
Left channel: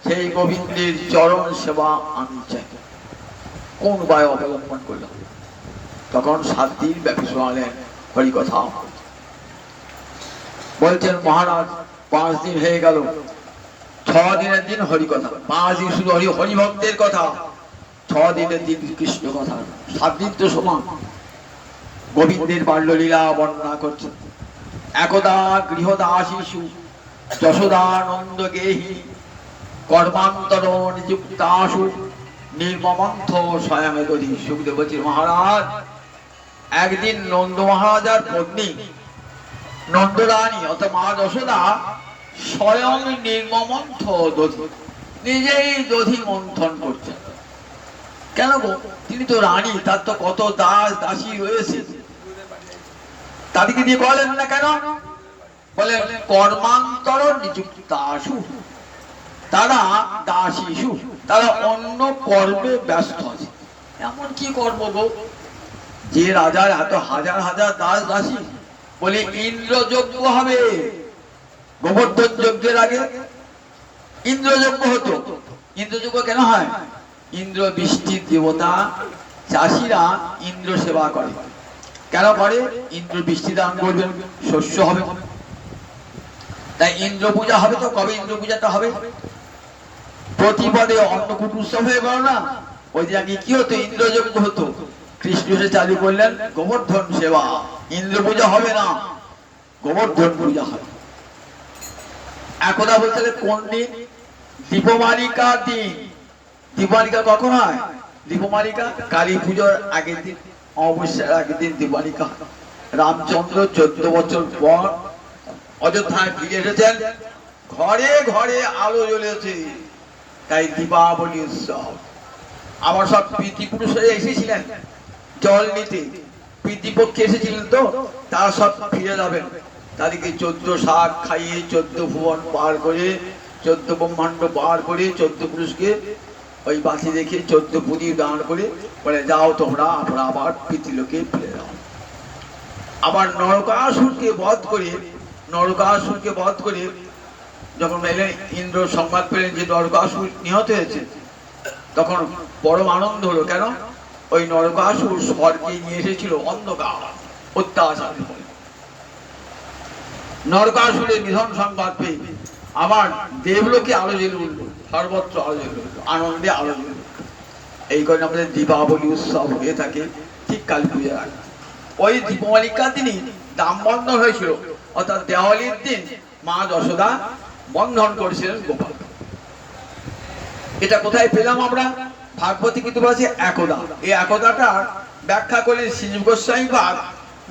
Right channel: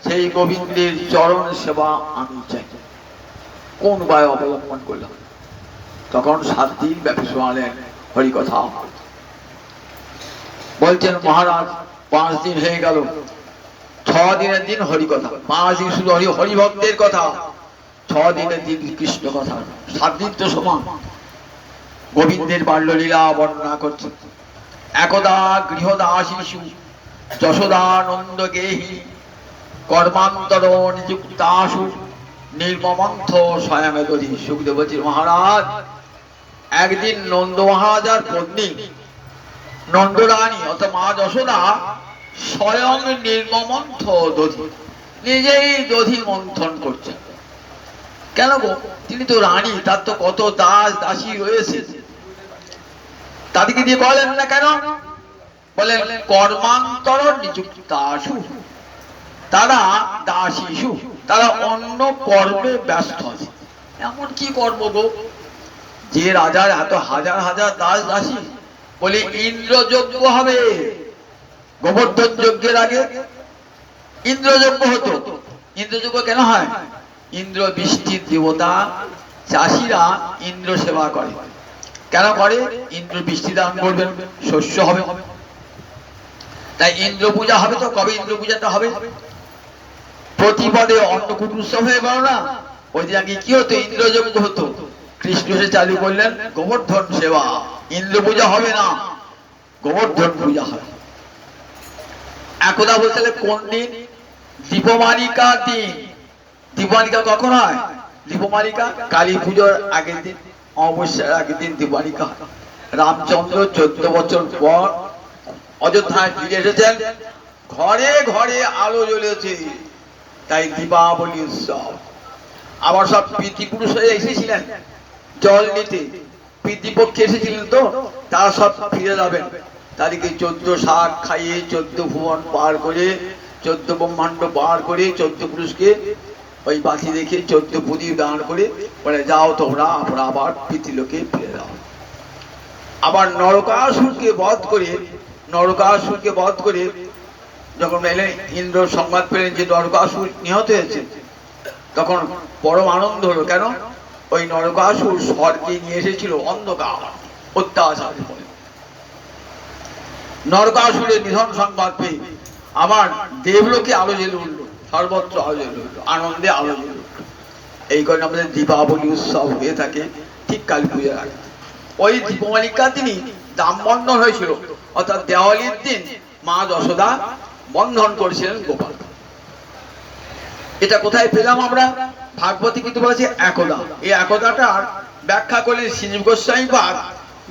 সেই গোবিন্দের চরণ সেবা আমি চাই। কোন উপায় অবলম্বন করলাম? তখন 7 দিন ব্যাপী শোনালেন হরিকথা। বলছেন মহারাজ 5 দিন হয়ে গেল, 6 দিনের দিন হরিকথা, 5 দিন শুধু হরিভক্তের কথা, 6 দিনের দিন কৃষ্ণ কথা, 7 দিন তো সমান। গোবিন্দের বাল্যলীলা বর্ণনা করছে। একদা গৃহদাসীষু যশোদানন্দ গেহি কর্মান্তর নিযুক্তাসু নির্মমন্থ স্বয়ং দধি। সুখদেব বলছে মহারাজ, একদিন নন্দ মহারাজার পত্নী নন্দরানী অর্থাৎ মা যশোদা স্বয়ং নির্মমন্থ দধি, নিজেই দধি মন্থন করছেন। কেন গো? তিনি তো রানী, তার তো কত দাস দাসী রয়েছে, তাদেরকে দিয়ে বলেন না কেন? বলেন কর্মান্তর নিযুক্তাসু, তারা দাসীসু, তারা অন্য কর্মে ব্যস্ত আছে। এমন কি কর্ম গো যে রাজার এত হাজার হাজার দাস দাসী? বলে ইন্দ্রযজ্ঞ হবে। গোবর্ধন যজ্ঞের আগে ইন্দ্রযজ্ঞ হতো। ইন্দ্রযজ্ঞ কেন হয়? ইন্দ্র বৃষ্টির দেবতা, চাষিরা ইন্দ্র সেবা করে। কেন করে? ইন্দ্র বৃষ্টি দান করবেন, শস্য হবে, তাই ইন্দ্র পূজা হবে। তো কবে ইন্দ্র পূজাটা হবে? প্রতিপদে অন্নকূট উৎসব হয়ে গেল না, ওই যে আগে কি হতো? ইন্দ্রযজ্ঞ হতো। কৃষ্ণ সে চালু করলেন গোবর্ধন সেবা। ইন্দ্র পূজা হবে না, গোবর্ধন পূজা হবে। একদা বলতে কোন দিন? দীপমালিকার দিন। দীপমালিকা কখন হয়? দীপমালিকা কালী পুজোর আগের দিন, অমাবস্যার আগের দিন দীপমালিকা। রামচন্দ্র 14 বছর পর অযোধ্যায় ফিরে এসেছেন, ঘরে ঘরে আলো জ্বলেছে, তাই দীপাবলি উৎসব। আবার সব পিতৃপুরুষ হয়ে এসেছিলেন জল নিতে, পিতৃপক্ষে এসেছিলেন, তো তারা সব ফিরে যাবেন। তাদেরকে 14 শাক খাইয়ে 14 ভুবন পার করে 14 ব্রহ্মাণ্ড পার করে 14 পুরুষকে ওই বাতি দেখে 14 প্রদীপ দান করে বলে যাও তোমরা আবার পিতৃলোকে ফিরে যাও। আবার নরকাসুরকে বধ করে যখন এলেন, ইন্দ্র সংবাদ পেলেন যে নরকাসুর নিহত হয়েছে, তখন পরম আনন্দ হলো। কেন? ওই নরকাসুর স্বর্গে নিয়ে এসেছিল অন্ধকার অত্যাচার করে। নরকাসুরের নিধন সংবাদ পেয়ে আবার দেবলোকে আলো জ্বলে উঠলো, সর্বত্র আলো জ্বলে উঠলো, আনন্দে আলো জ্বলে উঠলো। এই কারণে আমাদের দীপাবলি উৎসব হয়ে থাকে ঠিক কালী পূজার আগে। ওই দীপাবলিকার দিনই দাম বন্ধন হয়েছিল, অর্থাৎ দেওয়ালির দিন মা যশোদা বন্ধন করেছিলেন গোপাল। এটা কোথায় পেলাম আমরা? ভাগবতী কিন্তু বলেছে একদা। এই একদাটা ব্যাখ্যা করলেন শ্রীজীব গোস্বামী পাদ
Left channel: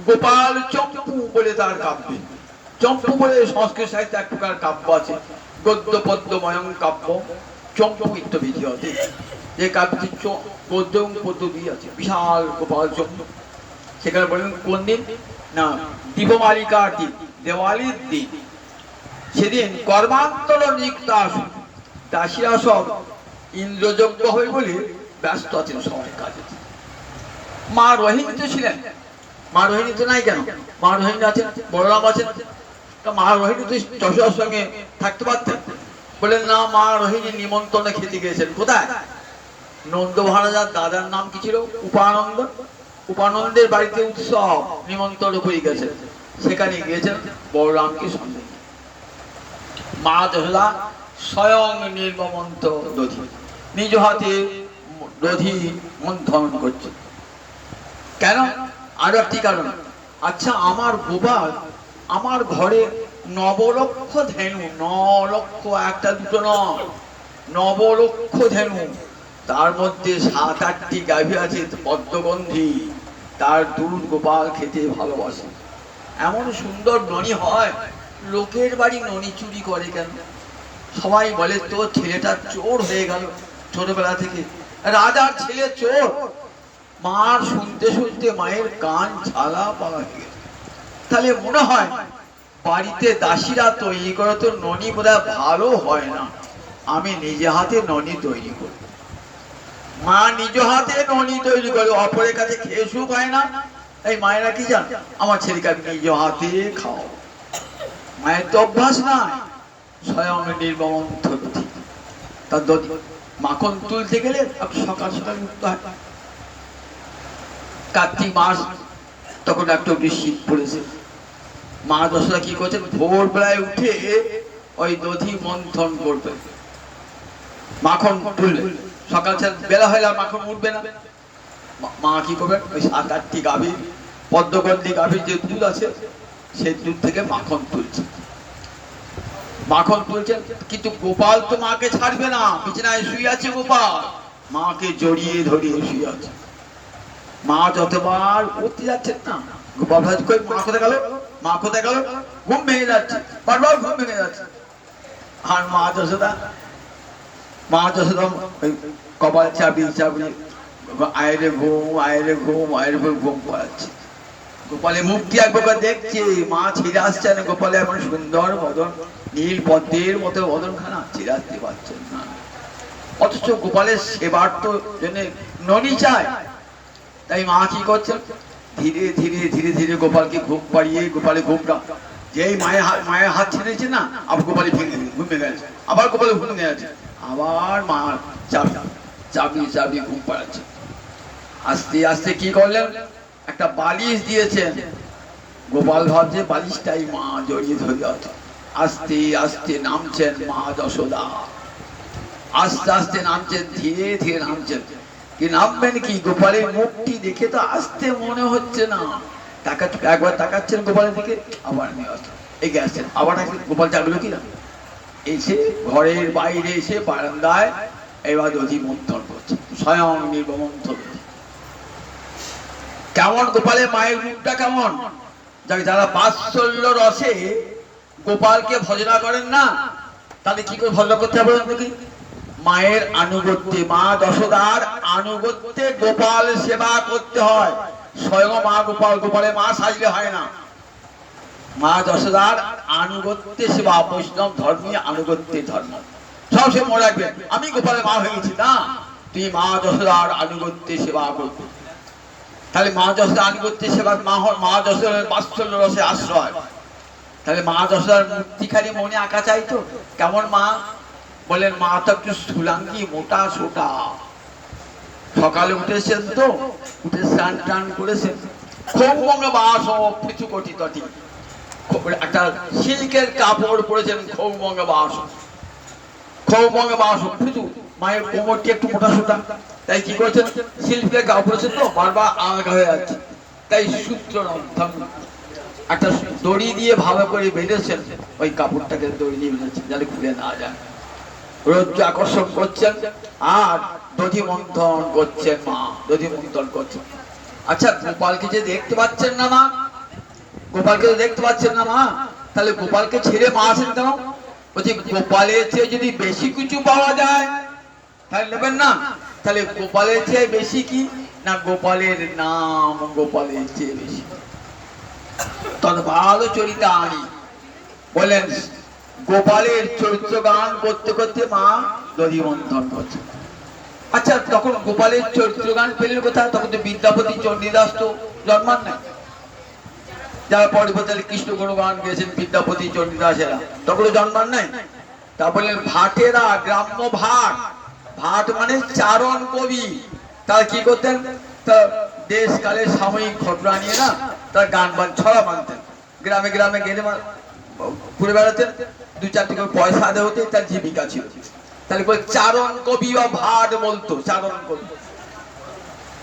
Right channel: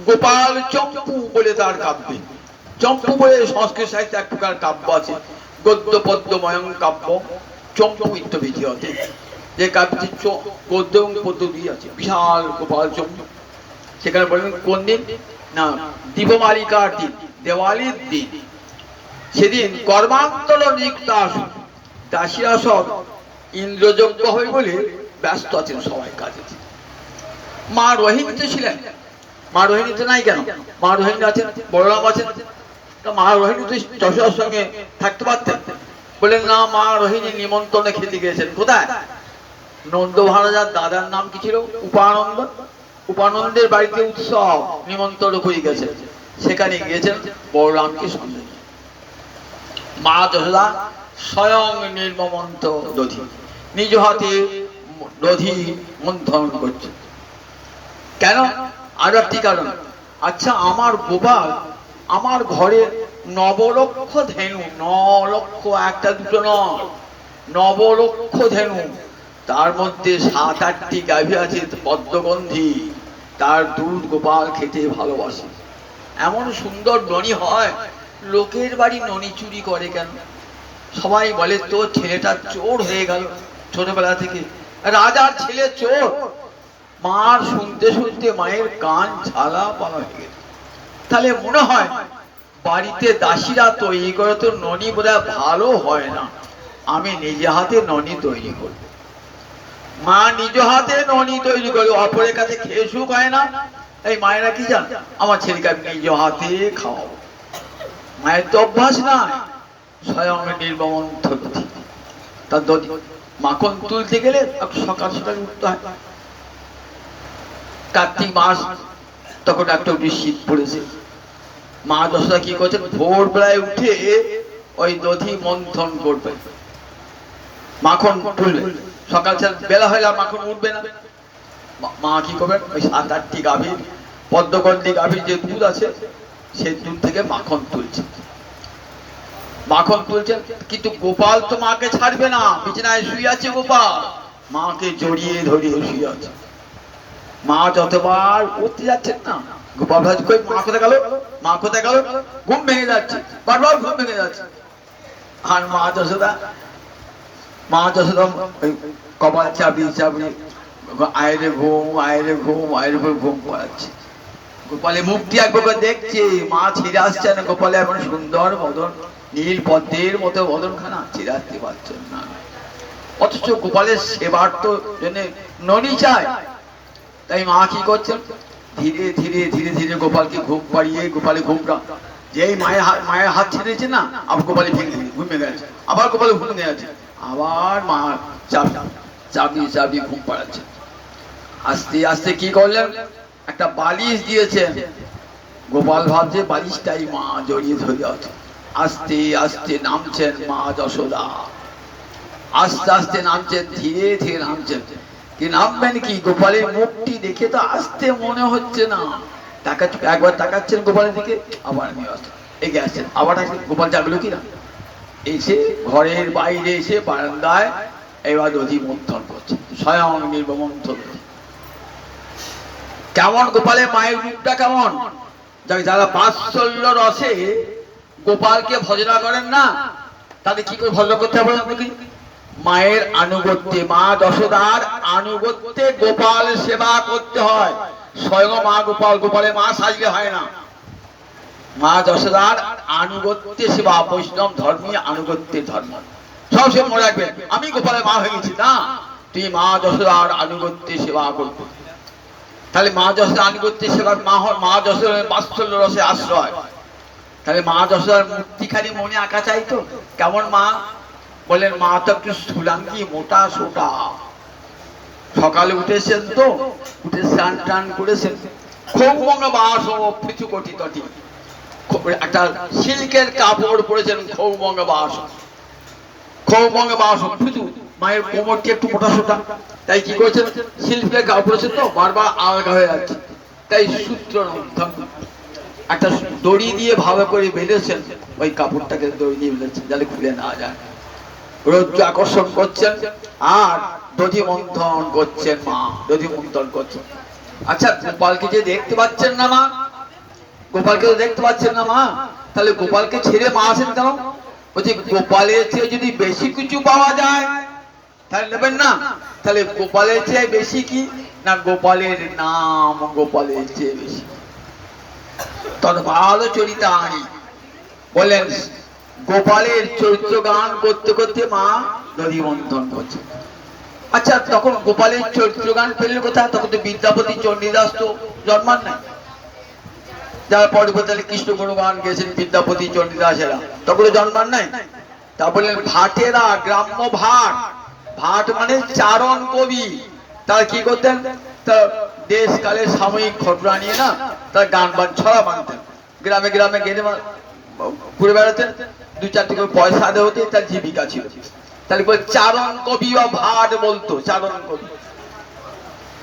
গোপাল চম্পু বলে তার কাব্যে। চম্পু বলে সংস্কৃত সাহিত্যে এক প্রকার কাব্য আছে, গদ্য পদ্য ময়ং কাব্য চম্পু ইত্যবিধি হতে, যে কাব্যটি গদ্য এবং পদ্য দিয়ে আছে, বিশাল গোপাল চম্পু। সেখানে বললেন কোন দিন না, দীপমালিকার দিন, দেওয়ালির দিন। সেদিন কর্মান্তর নিযুক্ত আসুন, দাসীরা সব ইন্দ্রযজ্ঞ হবে বলে ব্যস্ত আছেন সবাই কাজে। মা রোহিণীতে ছিলেন, মা রোহিণীতে নাই কেন? মা রোহিণী আছেন, বলরাম আছেন, মা রোহিণী তো যশোদার সঙ্গে থাকতে পারতেন। বললেন না, মা রোহিণী নিমন্ত্রণে খেতে গিয়েছেন। কোথায়? নন্দ মহারাজার দাদার নাম কি ছিল? উপানন্দ। উপানন্দের বাড়িতে উৎসব, নিমন্ত্রণ করে গেছেন, সেখানে গিয়েছেন বলরামকে সঙ্গে। মা যশোদা স্বয়ং নির্মমন্ত দধি, নিজ হাতে দধি মন্থন করছে। কেন? আরো একটি কারণ। আচ্ছা, আমার গোপাল আমার ঘরে নবলক্ষ ধেনু, 9 লক্ষ, একটা দুটো নয়, 9 লক্ষ ধেনু, তার মধ্যে 7-8টি গাভী আছে পদ্মগন্ধি, তার দুধ গোপাল খেতে ভালোবাসে। এমন সুন্দর ননি হয়, লোকের বাড়ি ননি চুরি করে কেন? সবাই বলে তো ছেলেটা চোর হয়ে গেল ছোটবেলা থেকে, রাজার ছেলে চোর। মার শুনতে শুনতে মায়ের কান ঝালা পালা হয়ে গেছে। তাহলে মনে হয় বাড়িতে দাসীরা তৈরি করে তো ননি বোধহয় ভালো হয় না, আমি নিজে হাতে ননি তৈরি করব। মা নিজ হাতে ননি তৈরি করে, অপরের কাছে খেয়ে সুখ হয় না। এই মায়েরা কি জান, আমার ছেলেকে আমি নিজ হাতে খাওয়াবো। মায়ের তো অভ্যাস না, স্বয়ং নির্মমন্ত দধি। তার দধি মাখন তুলতে গেলে সকাল সকাল উঠতে হয়। কার্তিক মাস, তখন একটু শীত পড়েছে। মা যশোদা কি করছেন, ভোরবেলায় উঠে ওই দধি মন্থন করবে, মাখন তুলবে। সকাল বেলা হলে আর মাখন উঠবে না। মা কি করবেন, ওই 7-8টি গাভীর, পদ্মগন্ধি গাভীর যে দুধ আছে, সেই দুধ থেকে মাখন তুলছে। মাখন তুলছেন, কিন্তু গোপাল তো মাকে ছাড়বে না, বিছানায় শুয়ে আছে গোপাল, মাকে জড়িয়ে ধরিয়ে শুয়ে আছে। মা যতবার উঠতে যাচ্ছেন না, গোপাল ভাজ করে মা কোথায় গেল, মা কোথায় গেল, ঘুম ভেঙে যাচ্ছে, বারবার ঘুম ভেঙে যাচ্ছে। আর মা যশোদা কপাল চাপিয়ে চাপিয়ে আয়রে ঘুম, আয়রে ঘুম, আয়রে ঘুম পড়াচ্ছে। গোপালে মুক্তি একবার দেখছে, মা ছেড়ে আসছে না। গোপালে এমন সুন্দর বদন, নীল পদ্মের মতো বদনখানা, ছেড়ে আসতে পারছেন না। অথচ গোপালের সেবার তো জন্য ননি চায়। তাই মা কি করছেন, ধীরে ধীরে ধীরে ধীরে গোপালকে ঘুম পাড়িয়ে, গোপালে ঘুমটা যেই মায়ের হাত ছেড়েছে না, আবার গোপালে ঘুমে গেছে, আবার গোপালে ঘুমে গেছে, আবার মা চাবি চাবি ঘুম পাড়াচ্ছে। আস্তে আস্তে কি করলেন, একটা বালিশ দিয়েছেন। গোপাল ভাবছে বালিশটাই মা জড়িয়ে ধরে আছে। আস্তে আস্তে নামছেন মা যশোদা, আস্তে আস্তে নামছেন, ধীরে ধীরে নামছেন। কি নামবেন কি, গোপালের মুখটি দেখে তো আসতে মনে হচ্ছে না। একবার তাকাচ্ছেন গোপালের দিকে, আবার এগিয়ে আসছেন, আবার গোপাল জাগলো কিনা, এসে ঘরের বাইরে এসে বারান্দায় এবার দধি মন্থন করছে, স্বয়ং নির্মমন্থন। কেমন গোপালের মায়ের রূপটা কেমন? যারা বাৎসল্য রসে গোপালকে ভজনা করেন না, তাহলে কি করে ভজনা করতে হবে? মায়ের আনুগত্যে, মা যশোদার আনুগত্যে গোপাল সেবা করতে হয়। স্বয়ং মা গোপাল, গোপালের মা সাজলে হয় না। মা যশোদার আনুগত্যে সেবা, বৈষ্ণব ধর্মী আনুগত্যের ধর্ম। সবসময় মনে রাখবেন, আমি গোপালের মা হয়ে গেছি না, তুই মা যশোদার আনুগত্যে সেবা করবি। তাহলে মা যশোদার আনুগত্যে সেবা, মা যশোদার বাৎসল্য রসে আশ্রয়। তাহলে মা যশোদার মূর্তি খালি মনে আঁকা চাই তো। কেমন মা? বলেন মা তো একটু স্থূলাঙ্গী, মোটা সোটা। সকালে উঠেছেন তো, উঠে স্নান টান করেছেন, খুব মঙ্গ বাস ও পৃথু কোটি তটি, একটা সিল্কের কাপড় পরেছেন খৌবঙ্গ বাস শুধু মায়ের কোমরটি একটু মোটা সোটা, তাই কি করেছেন সিল্কের কাপড় পরেছেন তো বারবার আলগা হয়ে যাচ্ছে, তাই সূত্র একটা দড়ি দিয়ে ভালো করে বেঁধেছেন, ওই কাপড়টাকে দড়ি দিয়ে বেঁধেছেন যাতে খুলে না যায়। রৌদ্র আকর্ষণ করছেন আর দধি মন্থন করছেন, মা দধি মন্থন করছেন। আচ্ছা গোপালকে যে দেখতে পাচ্ছেন না মা, গোপালকে দেখতে পাচ্ছেন না মা, তাহলে গোপালকে ছেড়ে মা আসেন কেন? বলছি গোপালের চেয়ে যদি বেশি কিছু পাওয়া যায় তাহলে নেবেন না, তাহলে গোপালের চেয়ে বেশি কি না, গোপালের নাম গোপালের চেয়ে বেশি। তখন ভালো চরিতা আনি বলেন গোপালের চরিত্র গান করতে করতে মা দধি মন্থন করছে। আচ্ছা তখন গোপালের চরিত্র গান পেলেন কোথায়? তখন তো বিদ্যাপতি চণ্ডীদাস তো জন্মান নাই, যারা পরবর্তীকালে কৃষ্ণ গুণগান গেছেন বিদ্যাপতি চণ্ডীদাসেরা, তখন জন্মান নাই। তা বললেন ভাটেরা, গ্রাম্য ভাট, ভাট মানে চারণ কবি, তারা কি করতেন, তার দেশ কালের সাময়িক ঘটনা নিয়ে না তার গান বান ছড়া বানতেন, গ্রামে গ্রামে গেলে ঘুরে বেড়াতেন, দু চারটি করে পয়সা আদে হতে তার জীবিকা ছিল। তাহলে চারণ কবি বা ভাট বলতো, চারণ কবি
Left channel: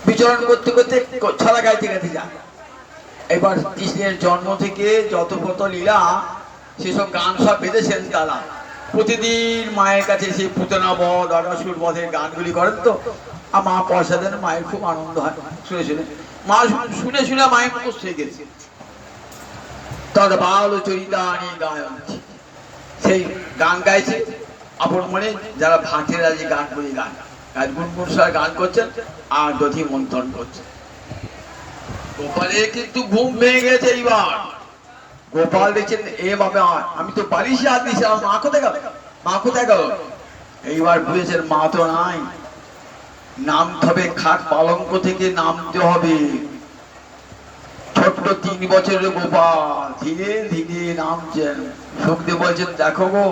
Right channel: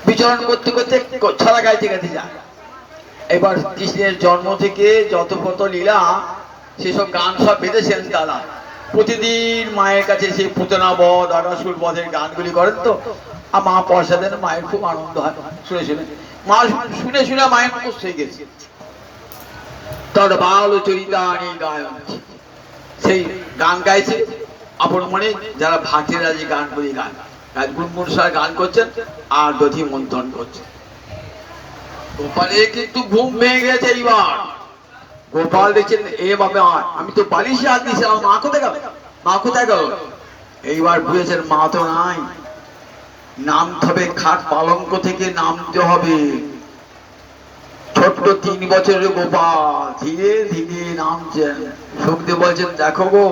বিচরণ করতে করতে ছড়া গাইতে গাইতে যায়। এবার কৃষ্ণের জন্ম থেকে যত কত লীলা সেসব গান সব বেঁধেছেন তারা, প্রতিদিন মায়ের কাছে সেই পুতনা বধ অরাসুর বধের গানগুলি করেন তো, আর মা পয়সা দেন, মায়ের খুব আনন্দ হয় শুনে শুনে, মা শুনে শুনে মায়ের মুখস্থ হয়ে গেছে। তদ বাল চরিতানি গায়ন, সেই গান গাইছে আপন মনে, যারা ভাটেরা যে গানগুলি গান গুনগুন সবাই গান করছেন আর দধি মন্থন করছেন। গোপালে কিন্তু ঘুম ভেঙে গেছে। এইবার গোপাল দেখছেন এ বাবা আমি তো বালিশে হাত দিয়েছি, আমার মা কোথায় গেল, মা কোথায় গেল? এইবার বুঝেছেন মা তো নাই, নামতে হবে খাট পালঙ্ক থেকে নামতে হবে। ছোট্ট 3 বছরের গোপাল ধীরে ধীরে নামছেন। সুখদেব বলছেন দেখো গো,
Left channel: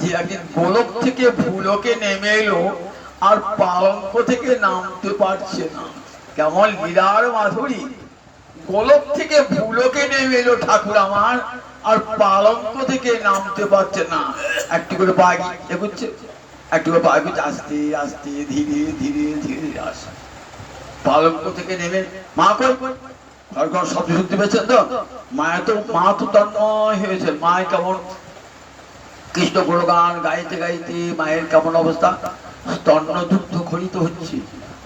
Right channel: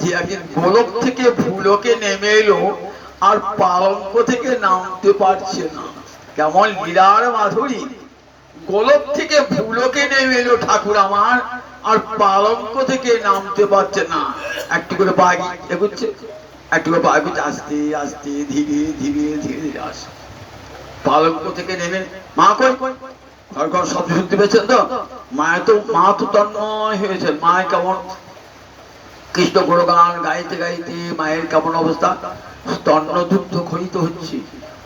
যে একদিন গোলক থেকে ভুলকে নেমে এলো আর পালঙ্ক থেকে নামতে পারছে না, কেমন লীলার মাধুরী। গোলক থেকে ভুলকে নেমে এলো ঠাকুর আমার, আর পালঙ্ক থেকে নামতে পারছে না। একটু করে পাগি এগুচ্ছে, একটু করে পাগি আস্তে আস্তে ধীরে ধীরে ধীরে আসে পালঙ্ক থেকে নেমে। মা কই ঘর শব্দ শুনতে পেয়েছেন তো? মা তো তন্ময় হয়েছে। মায়ের কেমন কৃষ্ণ গুণগান গাইতে গাইতে মায়ের কেমন অবস্থা, স্তন্য দুগ্ধ খরিত হচ্ছে,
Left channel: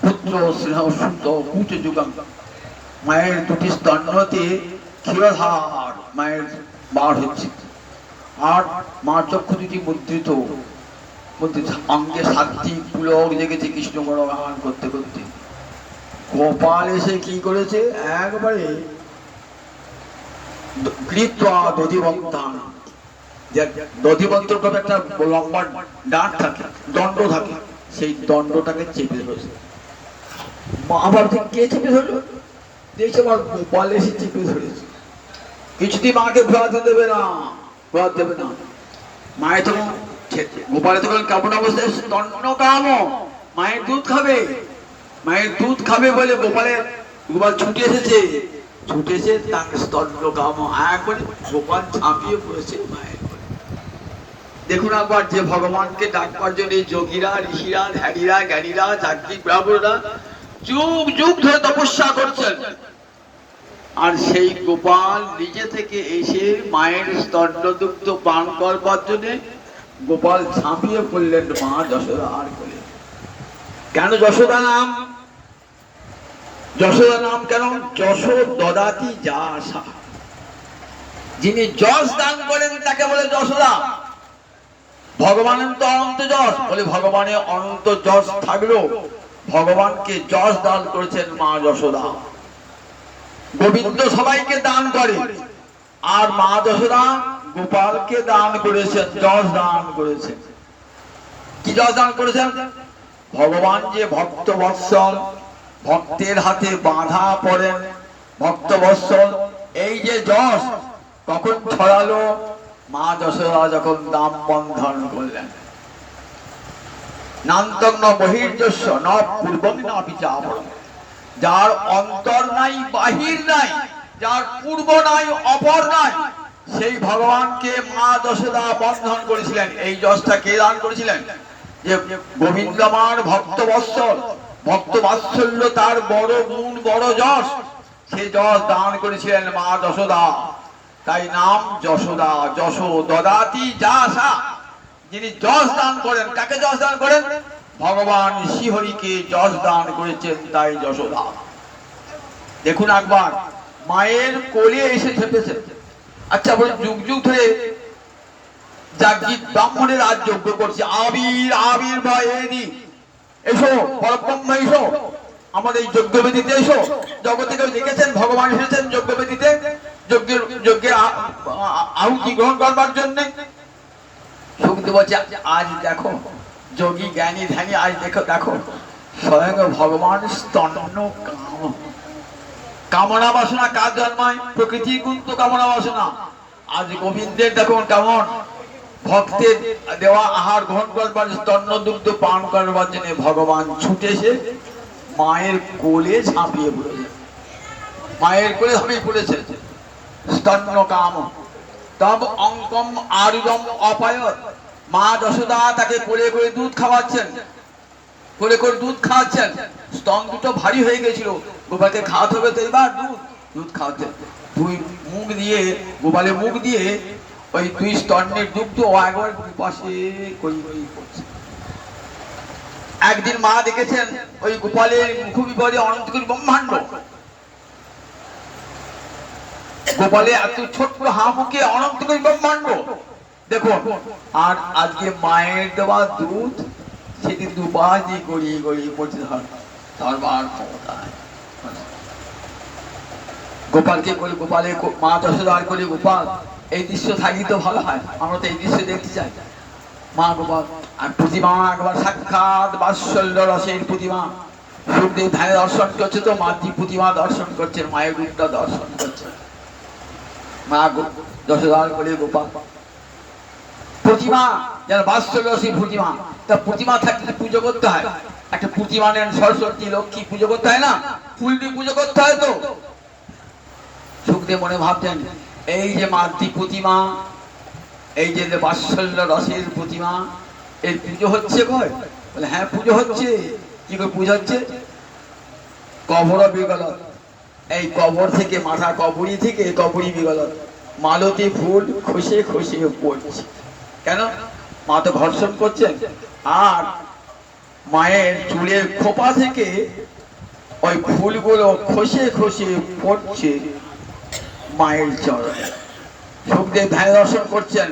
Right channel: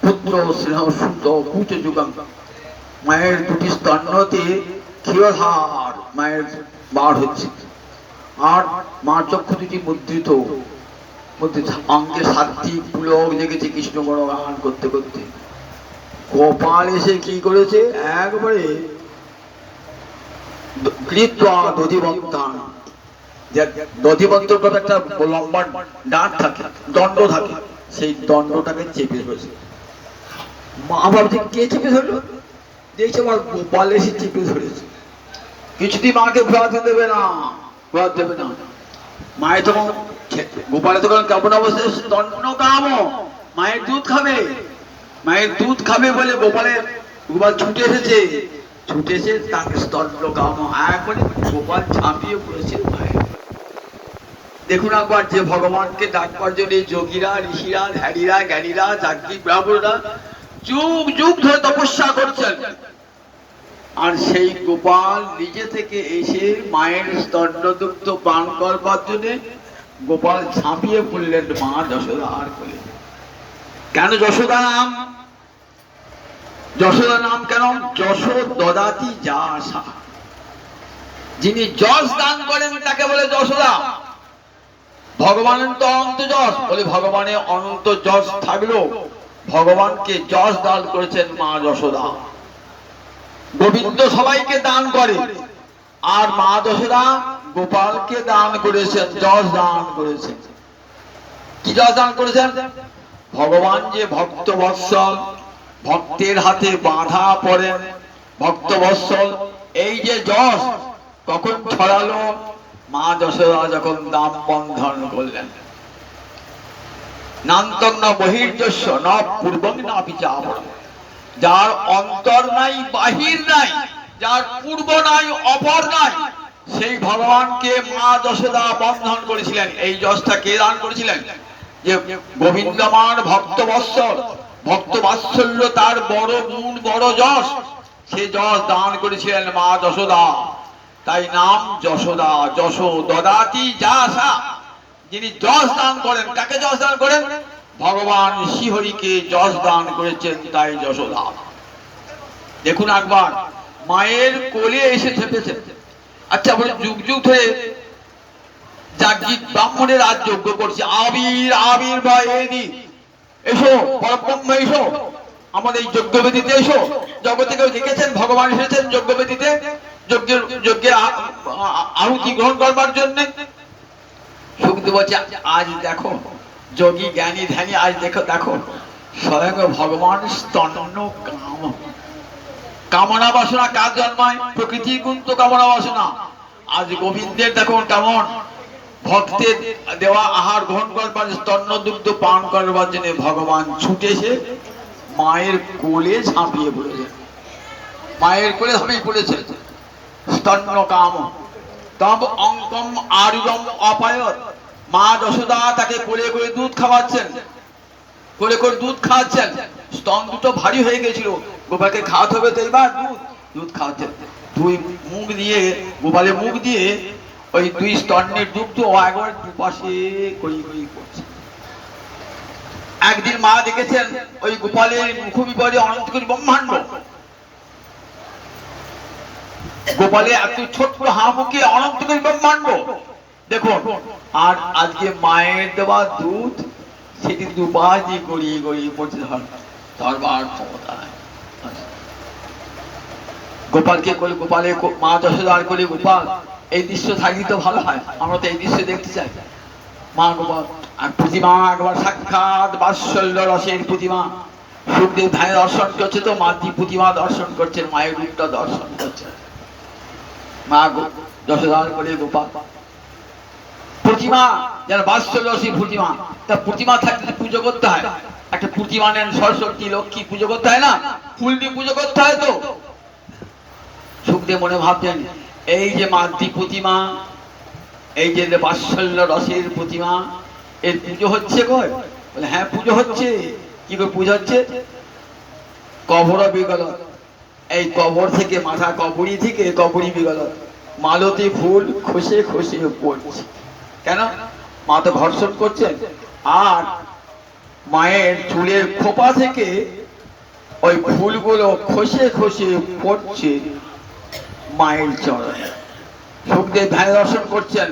পুত্র স্নেহ শুদ্ধ কুটে যুগাং। মায়ের দুটি স্তন্যতে ক্ষীরধার মায়ের বার হচ্ছে, আর মার চক্ষু দুটি মুদ্রিত, অঙ্গে 7টি পুলক জেগেছে কৃষ্ণ গুণগান করতে করতে। গোপাল এসে কি করেছে, একবারে দধিবন্তান, দধিবন্তর একটা লম্বা ডাঁট থাকে, দণ্ড থাকে, সেই দণ্ডটাকে চেপে ধরেছে। মা ভাবছে কে চেপে ধরলো, দেখছে আমার গোপাল এসে চেপে ধরেছে। কিছুদিন মাকে ঘোরাতে দেবে না, ঘোরাতে দেবে না। মায়ের তখন গোপালের তখন কেমন অবস্থা, দণ্ড কাম, মায়ের দুধ খাবে, মায়ের দুধ খাবে বলে গোপাল ছুটে এসেছে, ছুটে এসে তাকে স্তন্য কাম একবারে গোপাল ঝাঁপিয়ে পড়েছে মায়ের। দেখুন একবার যে ভগবানকে ডাকবার জন্য যোগীরা, ঋষিরা, ধ্যানীরা, জ্ঞানীরা, যাজ্ঞিক ব্রাহ্মণরা যুগ যুগ ধরে তপস্যা করছেন, আর সেই গোপাল নিজে থেকে এসে মায়ের স্তন্যদুগ্ধ পান করবার জন্য গোপাল ঝাঁপিয়ে পড়লেন মা যশোদার কোলে। কেন যশোদা নাম? যশোদা নাম কেন? যশোদ দদাতি যাসা, যিনি যশ দান করেন তাকে বলে যশোদা। ভগবানের তো অনন্ত যশ, বলে ভগবানের অনন্ত যশ থাকলেও ভগবানকে যশ দান করেছেন মা যশোদা। গোবিন্দ সবাইকে দান করে, আর মা যশোদা গোপালকে দান করেছেন, যশ দান করেছেন। কি যশ দান করেছেন? ভগবান যে ভক্ত বৎসল, ভক্তের হাতে বাঁধা পড়েন ভক্ত বৎসল, এই যে যশ কখন ছড়ালো, মা যশোদা যখন দাম বন্ধন করলেন। নান্তং ন বহির্যস্য ন পূর্বং না পিছাপরং, যার অন্তর নাই বাহির নাই, যার পূর্ব নাই অপর নাই, সেই ভগবানকে মা যশোদা বন্ধন করেছিলেন। এই যশটা কে দান করেছিলেন? যে গোবিন্দ আমার ভক্তবৎসল, ভক্ত বাৎসল্য তার বড় গুণ, বড় যশ, সে যশ দান করেছিলেন মা যশোদা। তাই নাম যশোদা। যশো দদাতি যাসা, যিনি যশ দান করেন, কাকে যশ দান করেন? ভগবান শ্রীহরিকে যশ দান করেছেন, তাই যশোদা। দেখুন একবার মায়ের কোলে এসে চেপেছে। আচ্ছা বলে যুগ যুগ ধরে যাজ্ঞিক ব্রাহ্মণের আজ যজ্ঞ করছে, আবির আবির ভয় এদি, এসো পরব্রহ্ম এসো আমাদের এই যজ্ঞবেদিতে এসো। জগতে কেউ দেখেছেন ভগবান এসেছেন যজ্ঞবেদিতে যজ্ঞের আহুতি গ্রহণ করবার জন্য? শুকদেব বলছে আজ দেখো যোগী জ্ঞানী ধ্যানী, আজ দেখো দেখো স্বয়ং ভগবান স্তন্য কাম। কামনা বাসনা কাজ জন্মায়? প্রকৃতির গুণ তো কামনা বাসনা। আজ গোবিন্দের দেখুন কেমন ভক্তের দেওয়া আহার গ্রহণ করবার, স্তন্য দুগ্ধ পান করবার জন্য ভগবান ছুটে এসে মায়ের কোলে ঝাঁপিয়ে পড়েছে। মায়ের কোলে ঝাঁপিয়ে পড়েছে। স্তন্য কাম তব অঙ্কম আরুগম অপায়ত। মা যশোদা তাকে কোলে করে দুধ খাওয়াচ্ছেন, কোলে করে দুধ খাওয়াচ্ছেন। স্তন দুটো ভারী হয়ে গেছিল, গোপালকে খাওয়াতে হবে তো এবার দুধ, দুধ খাওয়াচ্ছেন। দুই মুখ দিয়ে, গোপালের মুখ দিয়ে ওই দুই স্তনের দুগ্ধ একবার দুপাশে করি করি করছে। একদিন মা দেখেছেন ওই গোপালের মুখবিবরে অনন্ত কোটি ব্রহ্মাণ্ড, গোপালে এত ছোট্ট হাঁপুকে অনন্ত কোটি ব্রহ্মাণ্ড দেখুন। আর আজকে মায়ের দেওয়া দুধ সেটি দুপাশে গড়িয়ে গড়িয়ে পড়ছে। সর্বার ক্ষমতা গোপালকে করে, গোপালে মা যশোদার করে গোপাল। এই দৃশ্য থাকলে তো ভালো হয়, আমরা তো এই দৃশ্য দেখতে চাই। মা গোপাল আর প্রতিমা একবার সাক্ষাৎ বাৎসল্য রসের প্রতিমা। সুখদেব ধানে দর্শন করছে তো মাতৃ প্রতিমা দর্শন করছেন, মায়ের রূপটা দর্শন করছেন। মা যশোদার করে গোপাল প্রতিমা যেন বাৎসল্য রসের প্রতিমা। তা প্রতিমা থাকলে পুজো করতে হয়, একটা প্রতিমা নেন সরস্বতী লক্ষ্মী পুজো করতে হয় না, ফুল দিয়ে পুজো করতে হয় তো। সুখদেব মনে ভাবতেন এই যে মাতৃ প্রতিমা, এই যে বাৎসল্য রসের প্রতিমা, এর পুজো হচ্ছে কয়? বলে হ্যাঁ পুজো হচ্ছে। কি করে পুজো হচ্ছে? কবর বিগলত, এই কবর থেকে মাথা কবরী থেকে কবরী বিগলত মালতী ফুল খসে খসে পড়ছে। কেন? মা তো ঘর্ষণ করছেন। আর মায়ের চুলের খোপা থেকে ওই ফুলগুলো খসে খসে পড়ছে মায়ের চরণে। সুখদেব ধ্যানে দর্শন করছেন,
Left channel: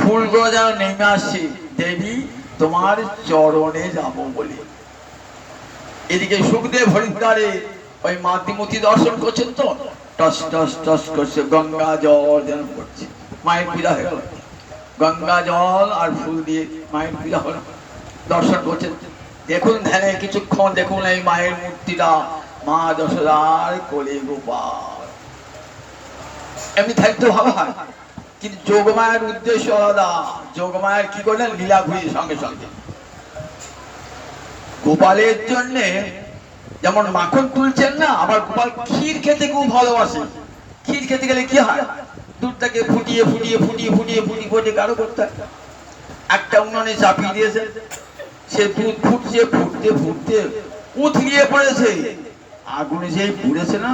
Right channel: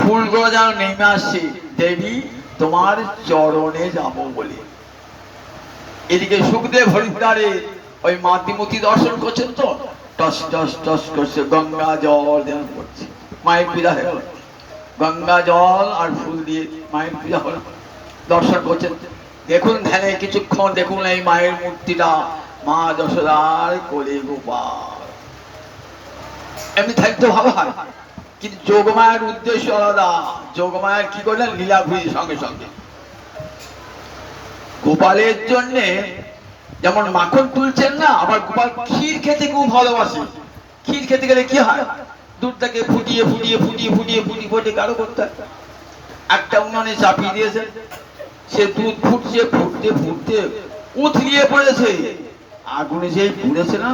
ফুলগুলো যেন নেমে আসছে দেবী তোমার চরণে যাব বলে। এদিকে সুখদেব হরিদ্বারে ওই মাতৃমূর্তি দর্শন করছেন তো, টস টস টস করছে, গঙ্গা জল যেন পড়ছে। মায়ের পূজা হয়ে গেল, গঙ্গা জল আর ফুল দিয়ে মায়ের পূজা হল। দর্শন করছেন, দেখুন ধ্যানে কিছুক্ষণ দেখুন এই মায়ের মূর্তিটা, মা যশোদার কোলে গোপাল। এমনি থাকতে ভালো হয়, কিন্তু যোগমায়ের উদ্দেশ্য আলাদা। যোগমায়ের কি করলেন? লীলা ঘুরি সঙ্গে সঙ্গে গোপালের জন্য যেমন মাখন তুলছেন না, আবার গোপাল ক্ষীর খেতে খুব ভালোবাসে। ক্ষীর খেতে গেলে কি হয়? দুধটাকে ফুটিয়ে ফুটিয়ে ফুটিয়ে ফুটিয়ে ফুটিয়ে ফুটিয়ে গাঢ় করতে হয়। একটা উনুনে চাপিয়ে দিয়েছে, সে দুধ ফুটছে, ফুটতে ফুটতে উথলিয়ে পড়েছে। আগুনে যেই পুড়েছে না,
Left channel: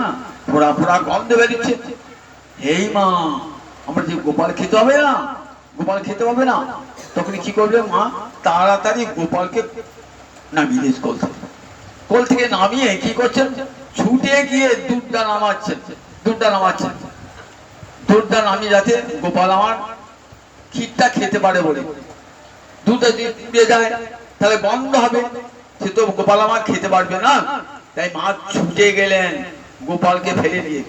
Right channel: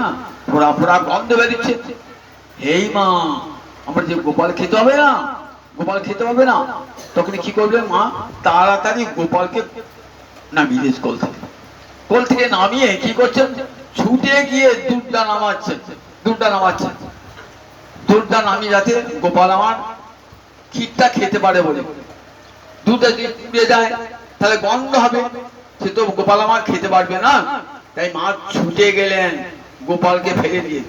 ফোড়া ফোড়া গন্ধ বেরিয়েছে। এই মা, আমরা যে গোপাল খেতে হবে না, গোপাল খেতে হবে না, তখন কি করবে মা? তাড়াতাড়ি গোপালকে নামিয়ে দিয়েছে কোল থেকে। কোল থেকে নামিয়ে কি করছেন? ছুটে গিয়ে দুধটা নামাচ্ছেন, দুধটা নামাচ্ছেন, দুধটা নামিয়ে যাতে গোপাল আমার ক্ষীরটা খেতে পারে বলে। দুধটা যদি পুড়ে যায় তাহলে বন্ধ হবে, সে তো গোপাল আমার খেতে পারবে না। তাই মা ছুটে গেলেন গোপালকে ফেলে দিয়ে।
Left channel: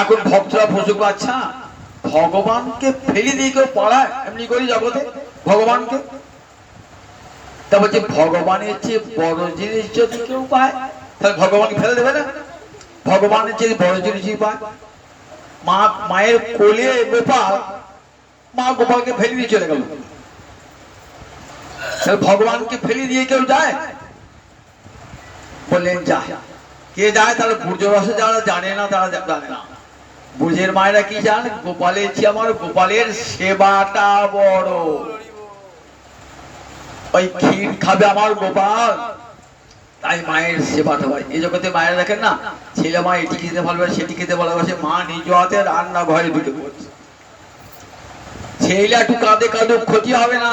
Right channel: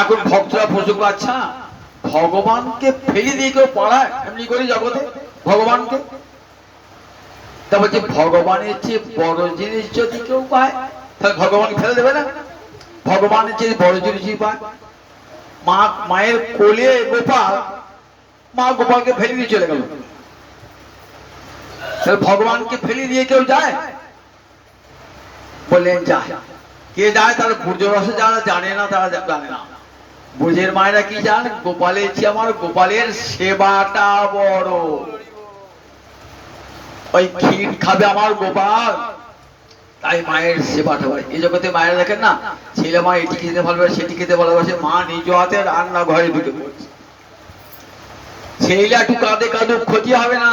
এখন ভক্তরা প্রশ্ন, আচ্ছা ভগবানকে ফেলে দিয়ে কেউ পড়ায় এমনি করে জগতে ভগবানকে? তা বলছে ভগবানের চেয়ে বড় জিনিস যদি কেউ পায় তাহলে ভগবান ফেলে দেবে না? ভগবানের চেয়ে বড় জিনিস পায়। মা মায়ের কোলে গোপাল, মা গোপালকে ফেলে দিয়ে চলে গেল। ভগবানকে ফেলে দিয়ে কেউ যায়? বললেন যায়। কে যায়? তারা পূর্য রসে যারা জানে না তারা জানে না। ব্রজের মায়েরা কি জান, গোপালের চেয়ে আমার গোপালের সেবাটা বড়। ওই ক্ষীর খাবে আমার গোপাল, তাই মায়ের সেবাটা হয়। এই জগতে মায়েরা দেখেন না, ছেলে মা এটি খেতে ভালোবাসে সেটি খেতে ভালোবাসে, মা নিজ হাতে রান্না ঘরে ঢুকে পড়ছে। ছেলে একটু কাঁদে কাঁদুক, ক্ষতি হবে না,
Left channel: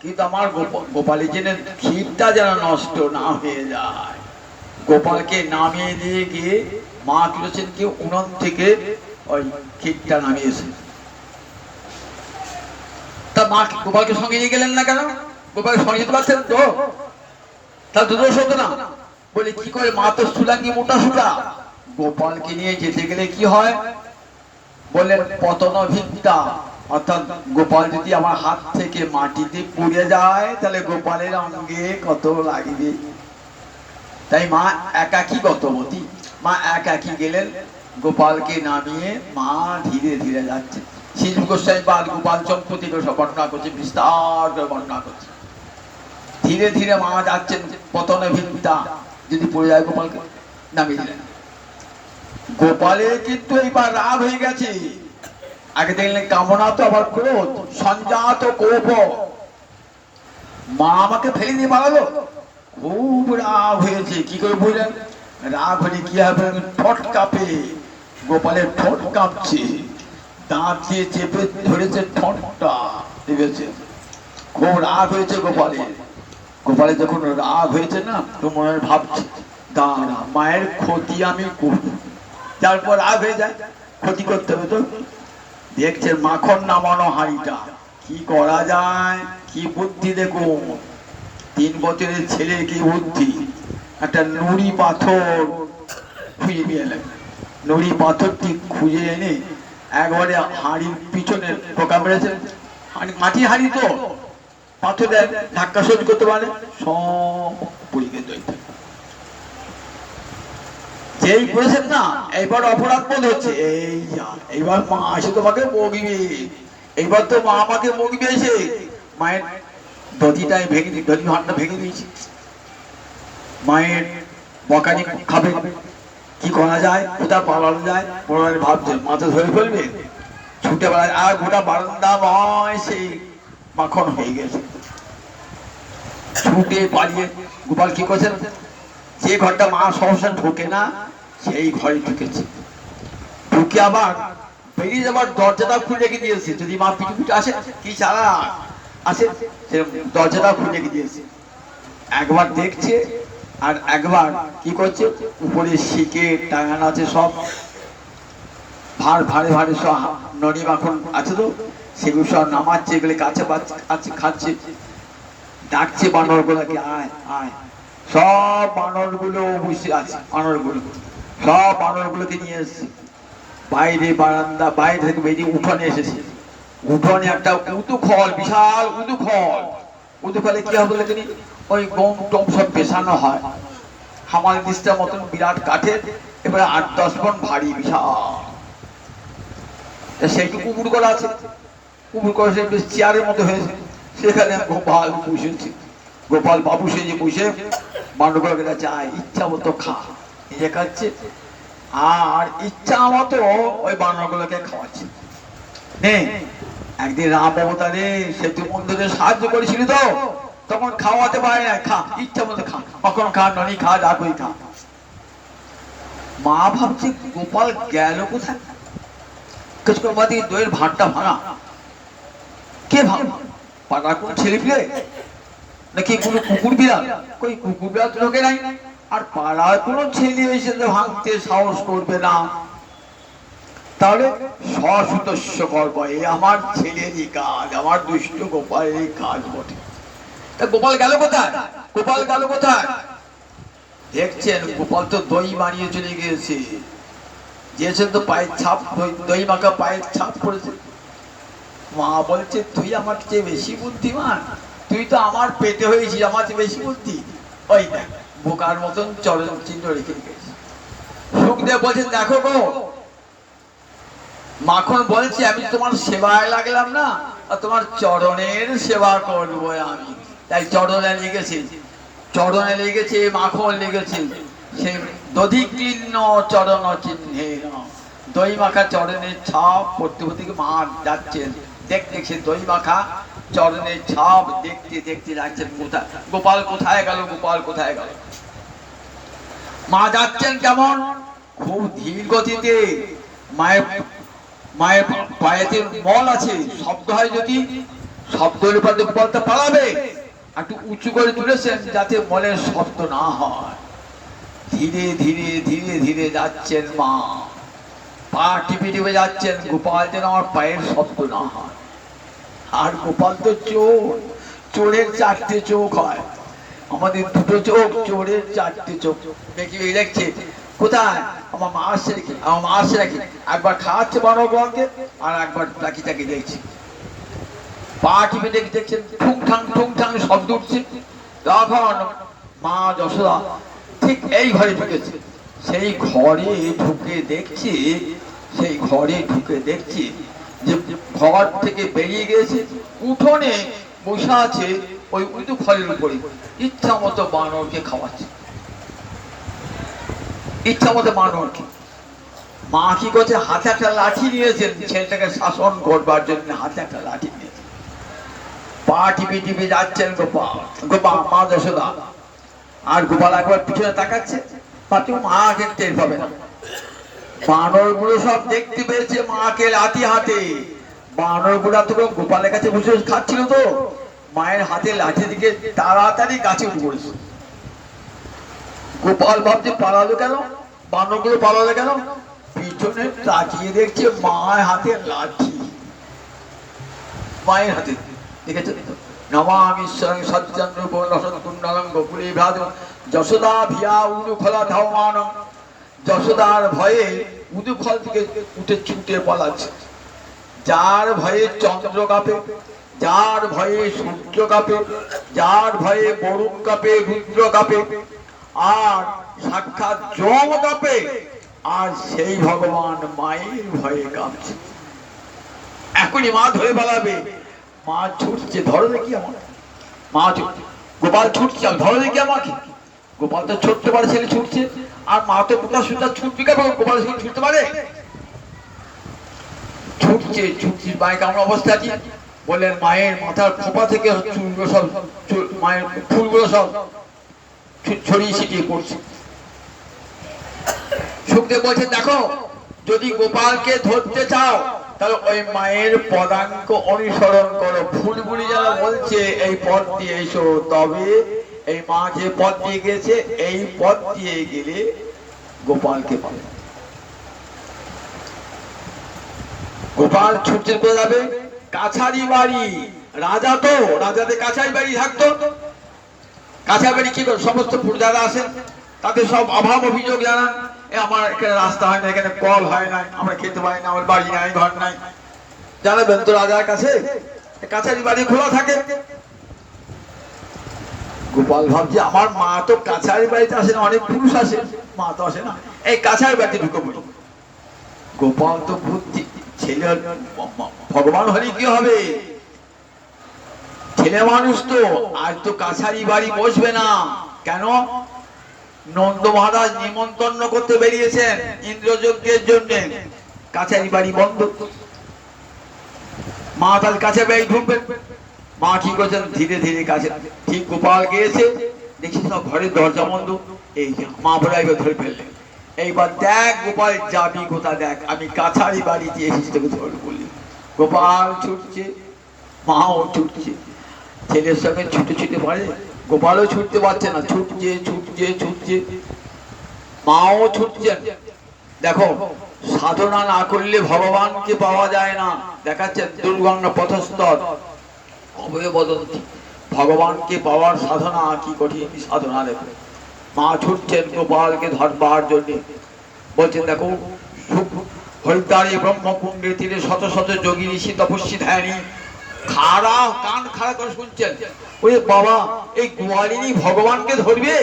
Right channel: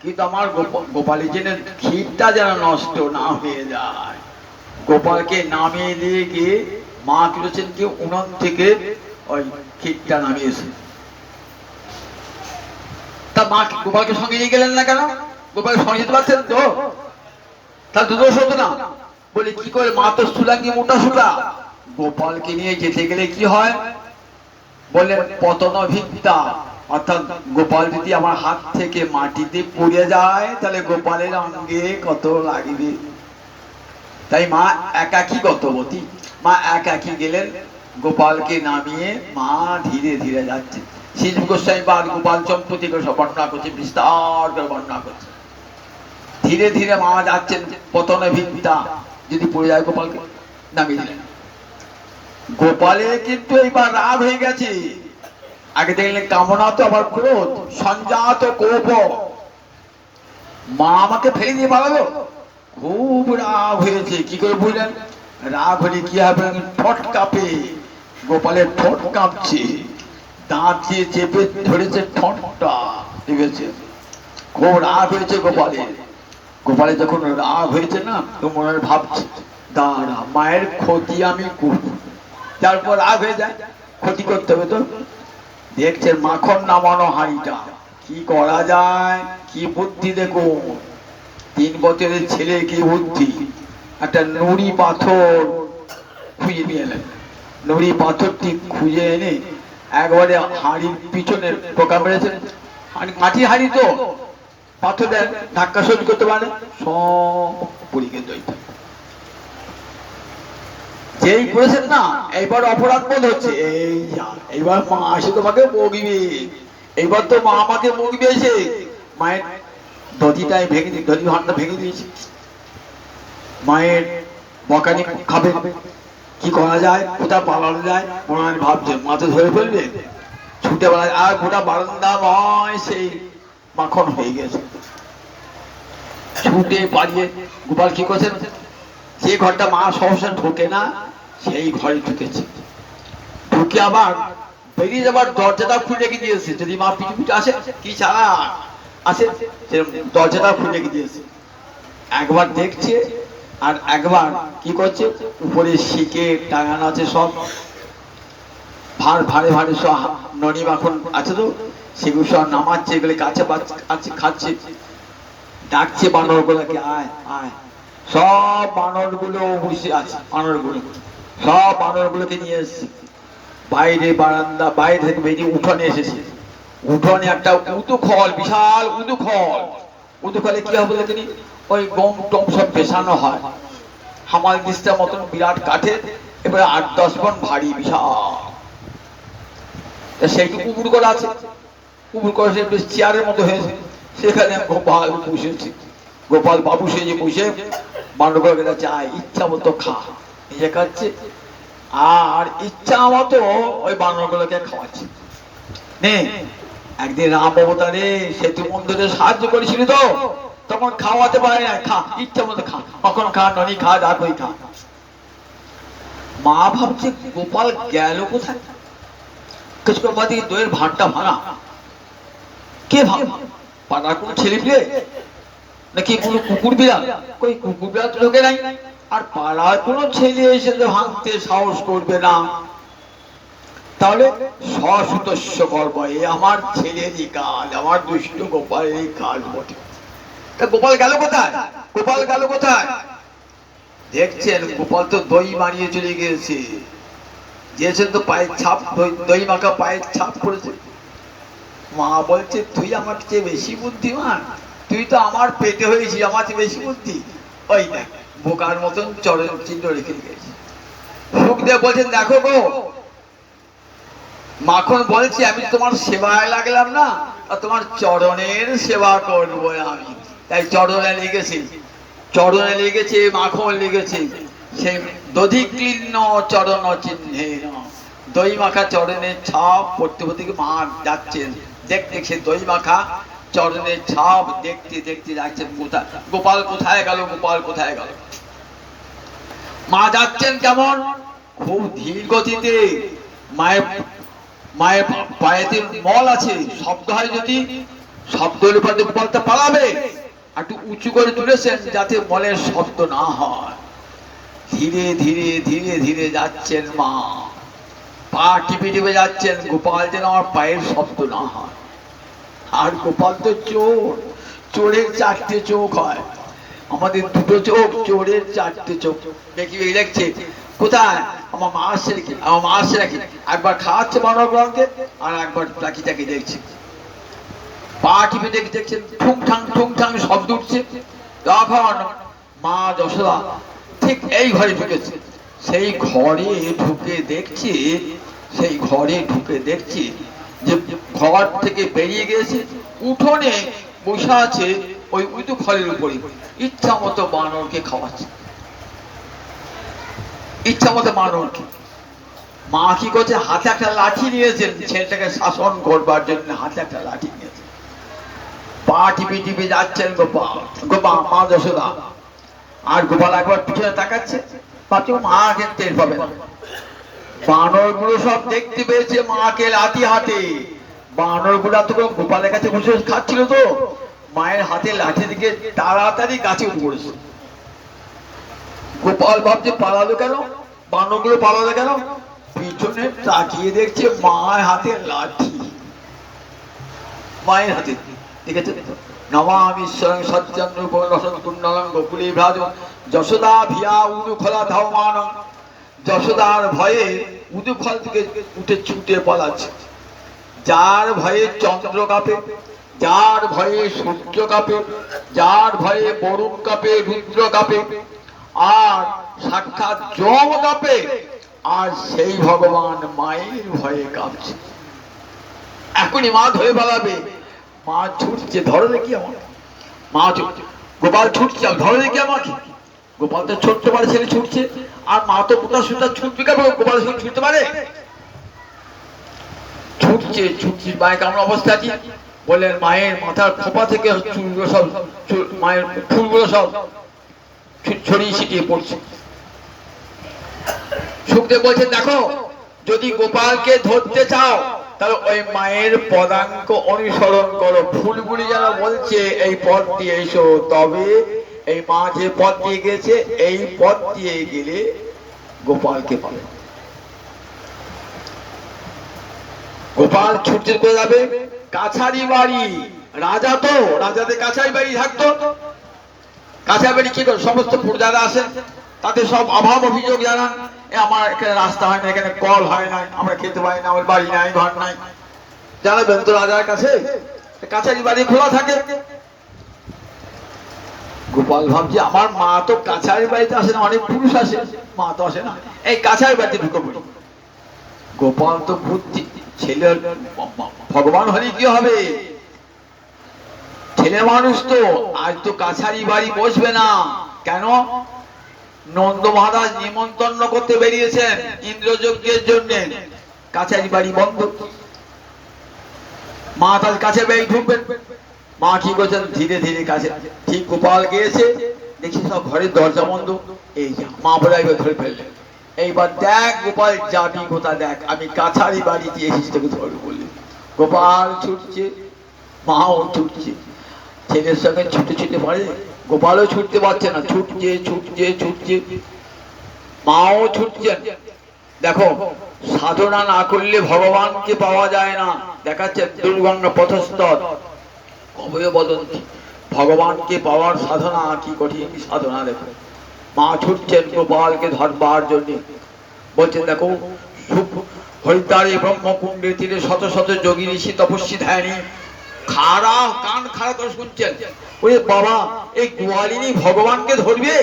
কিন্তু আমার গোপালের জন্য ক্ষীরটা যেন নষ্ট না হয়ে যায়। গোপালকে নামিয়ে দিয়ে গিয়ে মা করেছেন কি, উনুন থেকে ওই ক্ষীরটা নামিয়েছে। তা মা গোপালকে সঙ্গে নিয়ে গেলেন না কেন? গোপালকে সঙ্গে যেতে পারছেন তো, তার দুদোষ হতো না। বলে কি করে, মা তো সুলাঙ্গি মোটা সুটা, গোপালকে নিয়ে যেতে গেলে কি হয় বললেন, পতন ভিত্তা, অর্থাৎ গোপাল যদি আমার হাত থেকে মাটিতে পড়ে যায় তাহলে গোপালের অঙ্গে কত লাগবে। তাই মা একাকী গতবতী, মা একাকী গেলেন, গোপালকে নামিয়ে মা ধীরে ধীরে যাচ্ছে। শ্রীজীব গোস্বামী পাদ গোপাল চম্পতি করে সব বর্ণনা করছে, বিস্তার করে বর্ণনা করছে। ধীরে ধীরে মা যাচ্ছেন, পতন ভিত্তা, যদি পড়ে যায় গোপালকে নামিয়ে দিলেন। গোপালের কিন্তু এইবার রাগ হয়ে গেছে। আগে দেখলেন কামনা তো আবার ক্রোধ, সঞ্জাত কোপ, মা আমাকে ফেলে দিয়ে পালালো, খুব রাগ হয়েছে। কি করে বুঝলেন? রাগ হলে কি হবে, ঠোঁট কাঁপে, গোপালের ঠোঁট কাঁপছে, দাঁত দিয়ে চেপে ধরেছে ঠোঁটটা, ঠিক আছে? খুব রাগ হয়েছে গোপালের। গোপালের যখন রাগ হয়েছে না, তো মনে ভাবছে দাঁড়া, মায়ের ক্ষতি আমি করব। তারপর রাগ হয়ে যায়, ক্ষতি করতে হবে তো। দেখছে মাখন নামানো হাঁড়িটা, কি করা যায়, কি বুদ্ধি দেখুন। 3 বছরের ছেলে কি বুদ্ধি, একটা নুড়ি পাথর খুঁজে নিয়ে এলেন। নুড়ি পাথরটি খুঁজে এনে একবারে হাঁড়ির পিছনে টোকা মেরেছেন। মাটি হাঁড়ি তো, পাথর ধাক্কা সহ্য করতে পারে, সব পুড়ে গেছে। যেই করেছেন না, এইবার অপরাধ বোধ হচ্ছে, এইবার মা আসে তোমাকে বগিবে, এইবার তো মা আমাকে বগিবে এসে। মায়ের দধিটাই ভেঙে দিয়ে, দধি ভাঁড়টা ভেঙে দিয়েছে। মায়ের বকানি খাবে, কি করা যায়, কোথা পালানো যায়, মনে ভাবছেন। মাথা ধরে ফেলবে, ছুটে বেড়ায়, আর গোটা বারান্দাময় সেই মাখন হয়ে গেছে। ছুটে পালিয়ে গোপাল কি করেছেন, যে ঘরটা মা সহসা ঢোকে না সেই ঘরে ঢুকেছে। ঢুকে আবার বেরিয়ে যাবার দরজাটা খুলে রেখে দিয়েছে, যদি মা পিছু পিছু আসে, কি ছাড়া আসে, দরজাটা খুলে রেখে দিয়েছে। একবার দেখছে আর একবার কি করছে, উপরে শিকে টাঙানো আছে সব ভার, ভারে ভারে সব ননি মাখন আছে তো, সেগুলো সব নামাচ্ছে, এগুলো কাছে আছে, খাচ্ছে, ডাকছে বানর গুলোকে, আয় আয়। সব বানর গুলো বসে আছে, বানর গুলো সব বানর গুলোকে নিয়ে এসছে। বাইরে বারান্দা, বাইরে থেকে বেরিয়ে উঠোনে এসেছে। উঠোনে একটা উদুখল, বিশাল উদুখল। উদুখলে কি হবে দেখেনি, ওই গম টম সব পেছানো হয়, হামাল দিস্তার মতন বিরাট কাঠে, এবারে 8-10 মণ ভারী, বিশাল। সেইটুকু কুকুর করা আছে, কুকুর করে সে চেয়ারের মতো হয়েছে, সেখানে গোপাল বসেছে। গোপাল বাবু সেজে বসে বানরগুলোকে চায়, ইচ্ছা মতো খা, নিজে খাচ্ছে আর ইচ্ছা মতো ওই বানরগুলোকে খাওয়াচ্ছে। নে, একদিন রাম অবতারে সেতু বন্ধুতে সাহায্য করেছিল তো, তখন খাওয়াতে পারে না, খা, ইচ্ছা মতো খা, কখনো খা, ননি খা, ডাকই খা। মা ভাবছে গোপাল গেল কোথায়, দইয়ের ভাতটা ভাঙা, কে ভাঙা, পাড়ার কোন ছেলে পেয়ে নাকি কোনো কুকুর বিড়াল, কই কুকুর বিড়াল তো ঢোকে নাই, আর পাড়ার কোনো ছেলে এসে ভাঙতে সাহস করবে না, তাহলে সসুতস্য করব, এ আমার ছেলেরই কাজ, আমার দুষ্ট গোপালেরই কাজ বটে। তা গোপাল গেল কোথায়, গোপাল গেল কোথায়? দেখছেন গোপাল তো দই বানিয়ে চলে গিয়েছে, দিয়েছেন তো পায়ের ছাপ, দই মাখা পায়ের ছাপ পড়েছে। মা বলছে তুই আমার চেয়ে বেশি বুদ্ধিমান, তুই তো আমার পেটে হয়েছিস, আমার চেয়ে বেশি বুদ্ধি। ওই দেখ বোকার মতন চরণ চিহ্ন রেখে গেছে। সুখদেব বলছেন দেখো গো, মাখন বলছি আমি তোমার সেবায় লাগলাম না, আর তোমার চরণের সেবা করবো আমি, তাই চরণে লেগেছে, চরণে লেগেছে, মাখন লেগেছে, সেই দধিকীর্ণ চরণ চিহ্নে দই মাখা চরণের ছাপ পড়তে পড়তে মা যাচ্ছেন, দেখতে সে দই মাখা চরণের ছাপ দেখতে দেখতে যাচ্ছেন। কোথায় গোপাল কোথায় গেল, গোপাল কোথায় গেল। মা যাচ্ছেন কেমন, খুব ধীর গতিতে। মায়ের মায়ের পায়েতে মল আছে, শব্দ হয় যদি শব্দের উপরে গোপালটা পালাবে, একটু উঁচু করে তুলেছেন যাতে মলের শব্দ না হয়। ধীরে ধীরে ধীরে ধীরে যাচ্ছেন মা, পা টিপে টিপে যাচ্ছেন, গোপাল যেন আমার পায়ের শব্দ না হয়। আর গোপাল তো চোর, চোরের চারটে চোখ হয়, আমাদের দুটো চোখ, চোরের চারটে চোখ। দেখছে কোথায় আমার মা আসছে নাকি, আমার মা আসছে নাকি, একবার খাওয়াচ্ছে বানরগণকে আর একবার পাখিটাকে দেখছে। পা টিপে দেখছেন ঠুং ঠাং শব্দ উঠছে। তখন মা যশোদা ঠিক এই ঘরে ঢুকেছে। সেই ঘরে ঢুকে দেখছি, সেই ঘরে ঢুকে দেখছি যে ঘর থেকে বেরিয়ে গেছে, উঠোনে বসে আছে ওই উঁচু ফলের উপরে, ইচ্ছা মতো বানরকে খাওয়াচ্ছে, ইচ্ছা মতো বানরকে। মা কি করছে, হাতে একটা লাঠি নিয়েছেন, ছেলেটাকে শাসন করবার জন্য হাতে একটা লাঠি নিয়েছেন। পা টিপে টিপে যাচ্ছেন গোপাল মা যশোদা। আর গোপাল একবার পিছনে তাকাচ্ছে, ভাবছে মা দেখতে পাবে না। বানর গুলো সব দেখতে পেয়েছে মাকে লাঠি হাতে। বানর গুলা তো গোপালের কাছে বসে খাচ্ছিল, তো মায়ের হাতে লাঠি দিকে তাড়াতাড়ি গাছে উঠে পড়েছে। গোপাল ভাবছে পালালো কেন, বানর গুলো পালালো কেন, পিছনে তাকিয়ে দেখছে মায়ের হাতে লাঠি, মায়ের হাতে। দেখেছে, নমামি স্বয়ং সজ্জন্ম কুণ্ডলং গোকুলে ভ্রাজ যশোদা ভিয়া উদুখলা ধাবমানং। যশোদার ভয়ে উদুখল থেকে উঠে ছুটে পালাচ্ছে। যার ভয়ে চন্দ্র কাঁপে, যার ভয়ে সূর্য কাঁপে, যার ভয়ে বরুণ কাঁপে, রুদ্র কাঁপে, আর সাক্ষাৎ যম কাঁপে, আর সেই ভগবান মায়ের ভয়ে কাঁপছে। এখনই মা ধরে পালাবে। মা ছুটছে, ধরো দেখি আমার মা ছুটছে, গোপাল ছুটছে, ধরো দেখি আমাকে। গোপাল তো ছোট্ট পারে ছেলে ছুটছে, আর মা তো মোটা সুতা ছুটবে কেন, গোপাল ছুটতে পারে। ছুটছে ছুটছে, মায়ের কেমন অবস্থা কি বললেন, মায়ের মাথার খোপা থেকে চুলগুলো সব, মায়ের ফুলগুলো সব ছড়িয়ে ছিটিয়ে পড়ছে। সুখদেব বলছেন, দেখো যদি গোপালকে ধরতে চাও তাহলে ওই মায়ের পদাঙ্ক অনুসরণ করো। ফুলগুলি যারা বলছে এই পথ দিয়ে এসো, তবে এই মা যে পথ দিয়ে গেছে এই পথ দিয়ে গেলে গোপালকে পাবে। গোপাল ছুটতে পেয়ে যাবে কাছারি বাড়ি। রাজা তো, রাজাদের কাছারি বাড়ি থাকতো। কাছারি বাড়ি কি করে, সমস্ত প্রজারা আসেন, তাদের সব অভাব অভিযোগ জানান, আমার এখানে রাস্তা হয় না, এখানে কল হয় না, আমরা খেতে পারি না, আমার বাড়ি নাই, ঘর নাই, জানাবেন তো রাজার কাছে। কাছারি বাড়ি খোলা থাকে। গোপাল ভাবছে আমার মা তো কাছারি বাড়িতে আসে না, অনেক পুরুষ আসে, মা তো আসে না, এই কাছারি বাড়িতে ঢুকে পড়ি। গোপাল তো বুদ্ধি, ছেলে ভগবান হলে কি হবে, ছেলে মানুষ তো, আজ তো কাছারি বাড়ি বসবে না। কেন, নন্দ মহারাজ নিমন্ত্রণ করতে বেরিয়েছেন ইন্দ্রযজ্ঞের জন্য, কাছারি বাড়ি বন্ধ। মা তার কাছে বাড়ি ঢুকবেন। মা কি করছেন, ধীরে ধীরে কাছে, ঠিক গোপাল গিয়েছে, দেখি সব ঘরের দরজা বন্ধ। এই মা বোধহয় ধরে ফেললেন, এইবার দেখ গোপাল যাবি কোথায়, দেখ আমি কাছারি বাড়িতে এসেছি তোকে ধরে বললি। গোপাল ছুটছে, মাও ছুটছে, ছেলের সঙ্গে ছুটে ছুটে পারে, গোপালও ছুটতে পারছে না, ছুটছে ছুটছে ছুটছে, মাও ছুটছেন। দেখো সাধনা না করলে ভগবানকে পাওয়া যায় না। দেখাচ্ছে দুর্গঙ্গা পথস্থল অভয় বদন্তি, ভগবানকে পাওয়ার সাধনা কি কঠিন সাধনা। দেখো মা ছুটছেন গোপালকে ধরবার জন্য। বলছেন দেখো হরিদ্বারে ব্রহ্মকুণ্ডে তীরে শত শত যোগী ঋষি তপস্বী ধ্যানী খাড়া, কান খাড়া করে শুনছেন। ওই বাবা, এই গোয়ালিনী ভগবানকে ধরবে?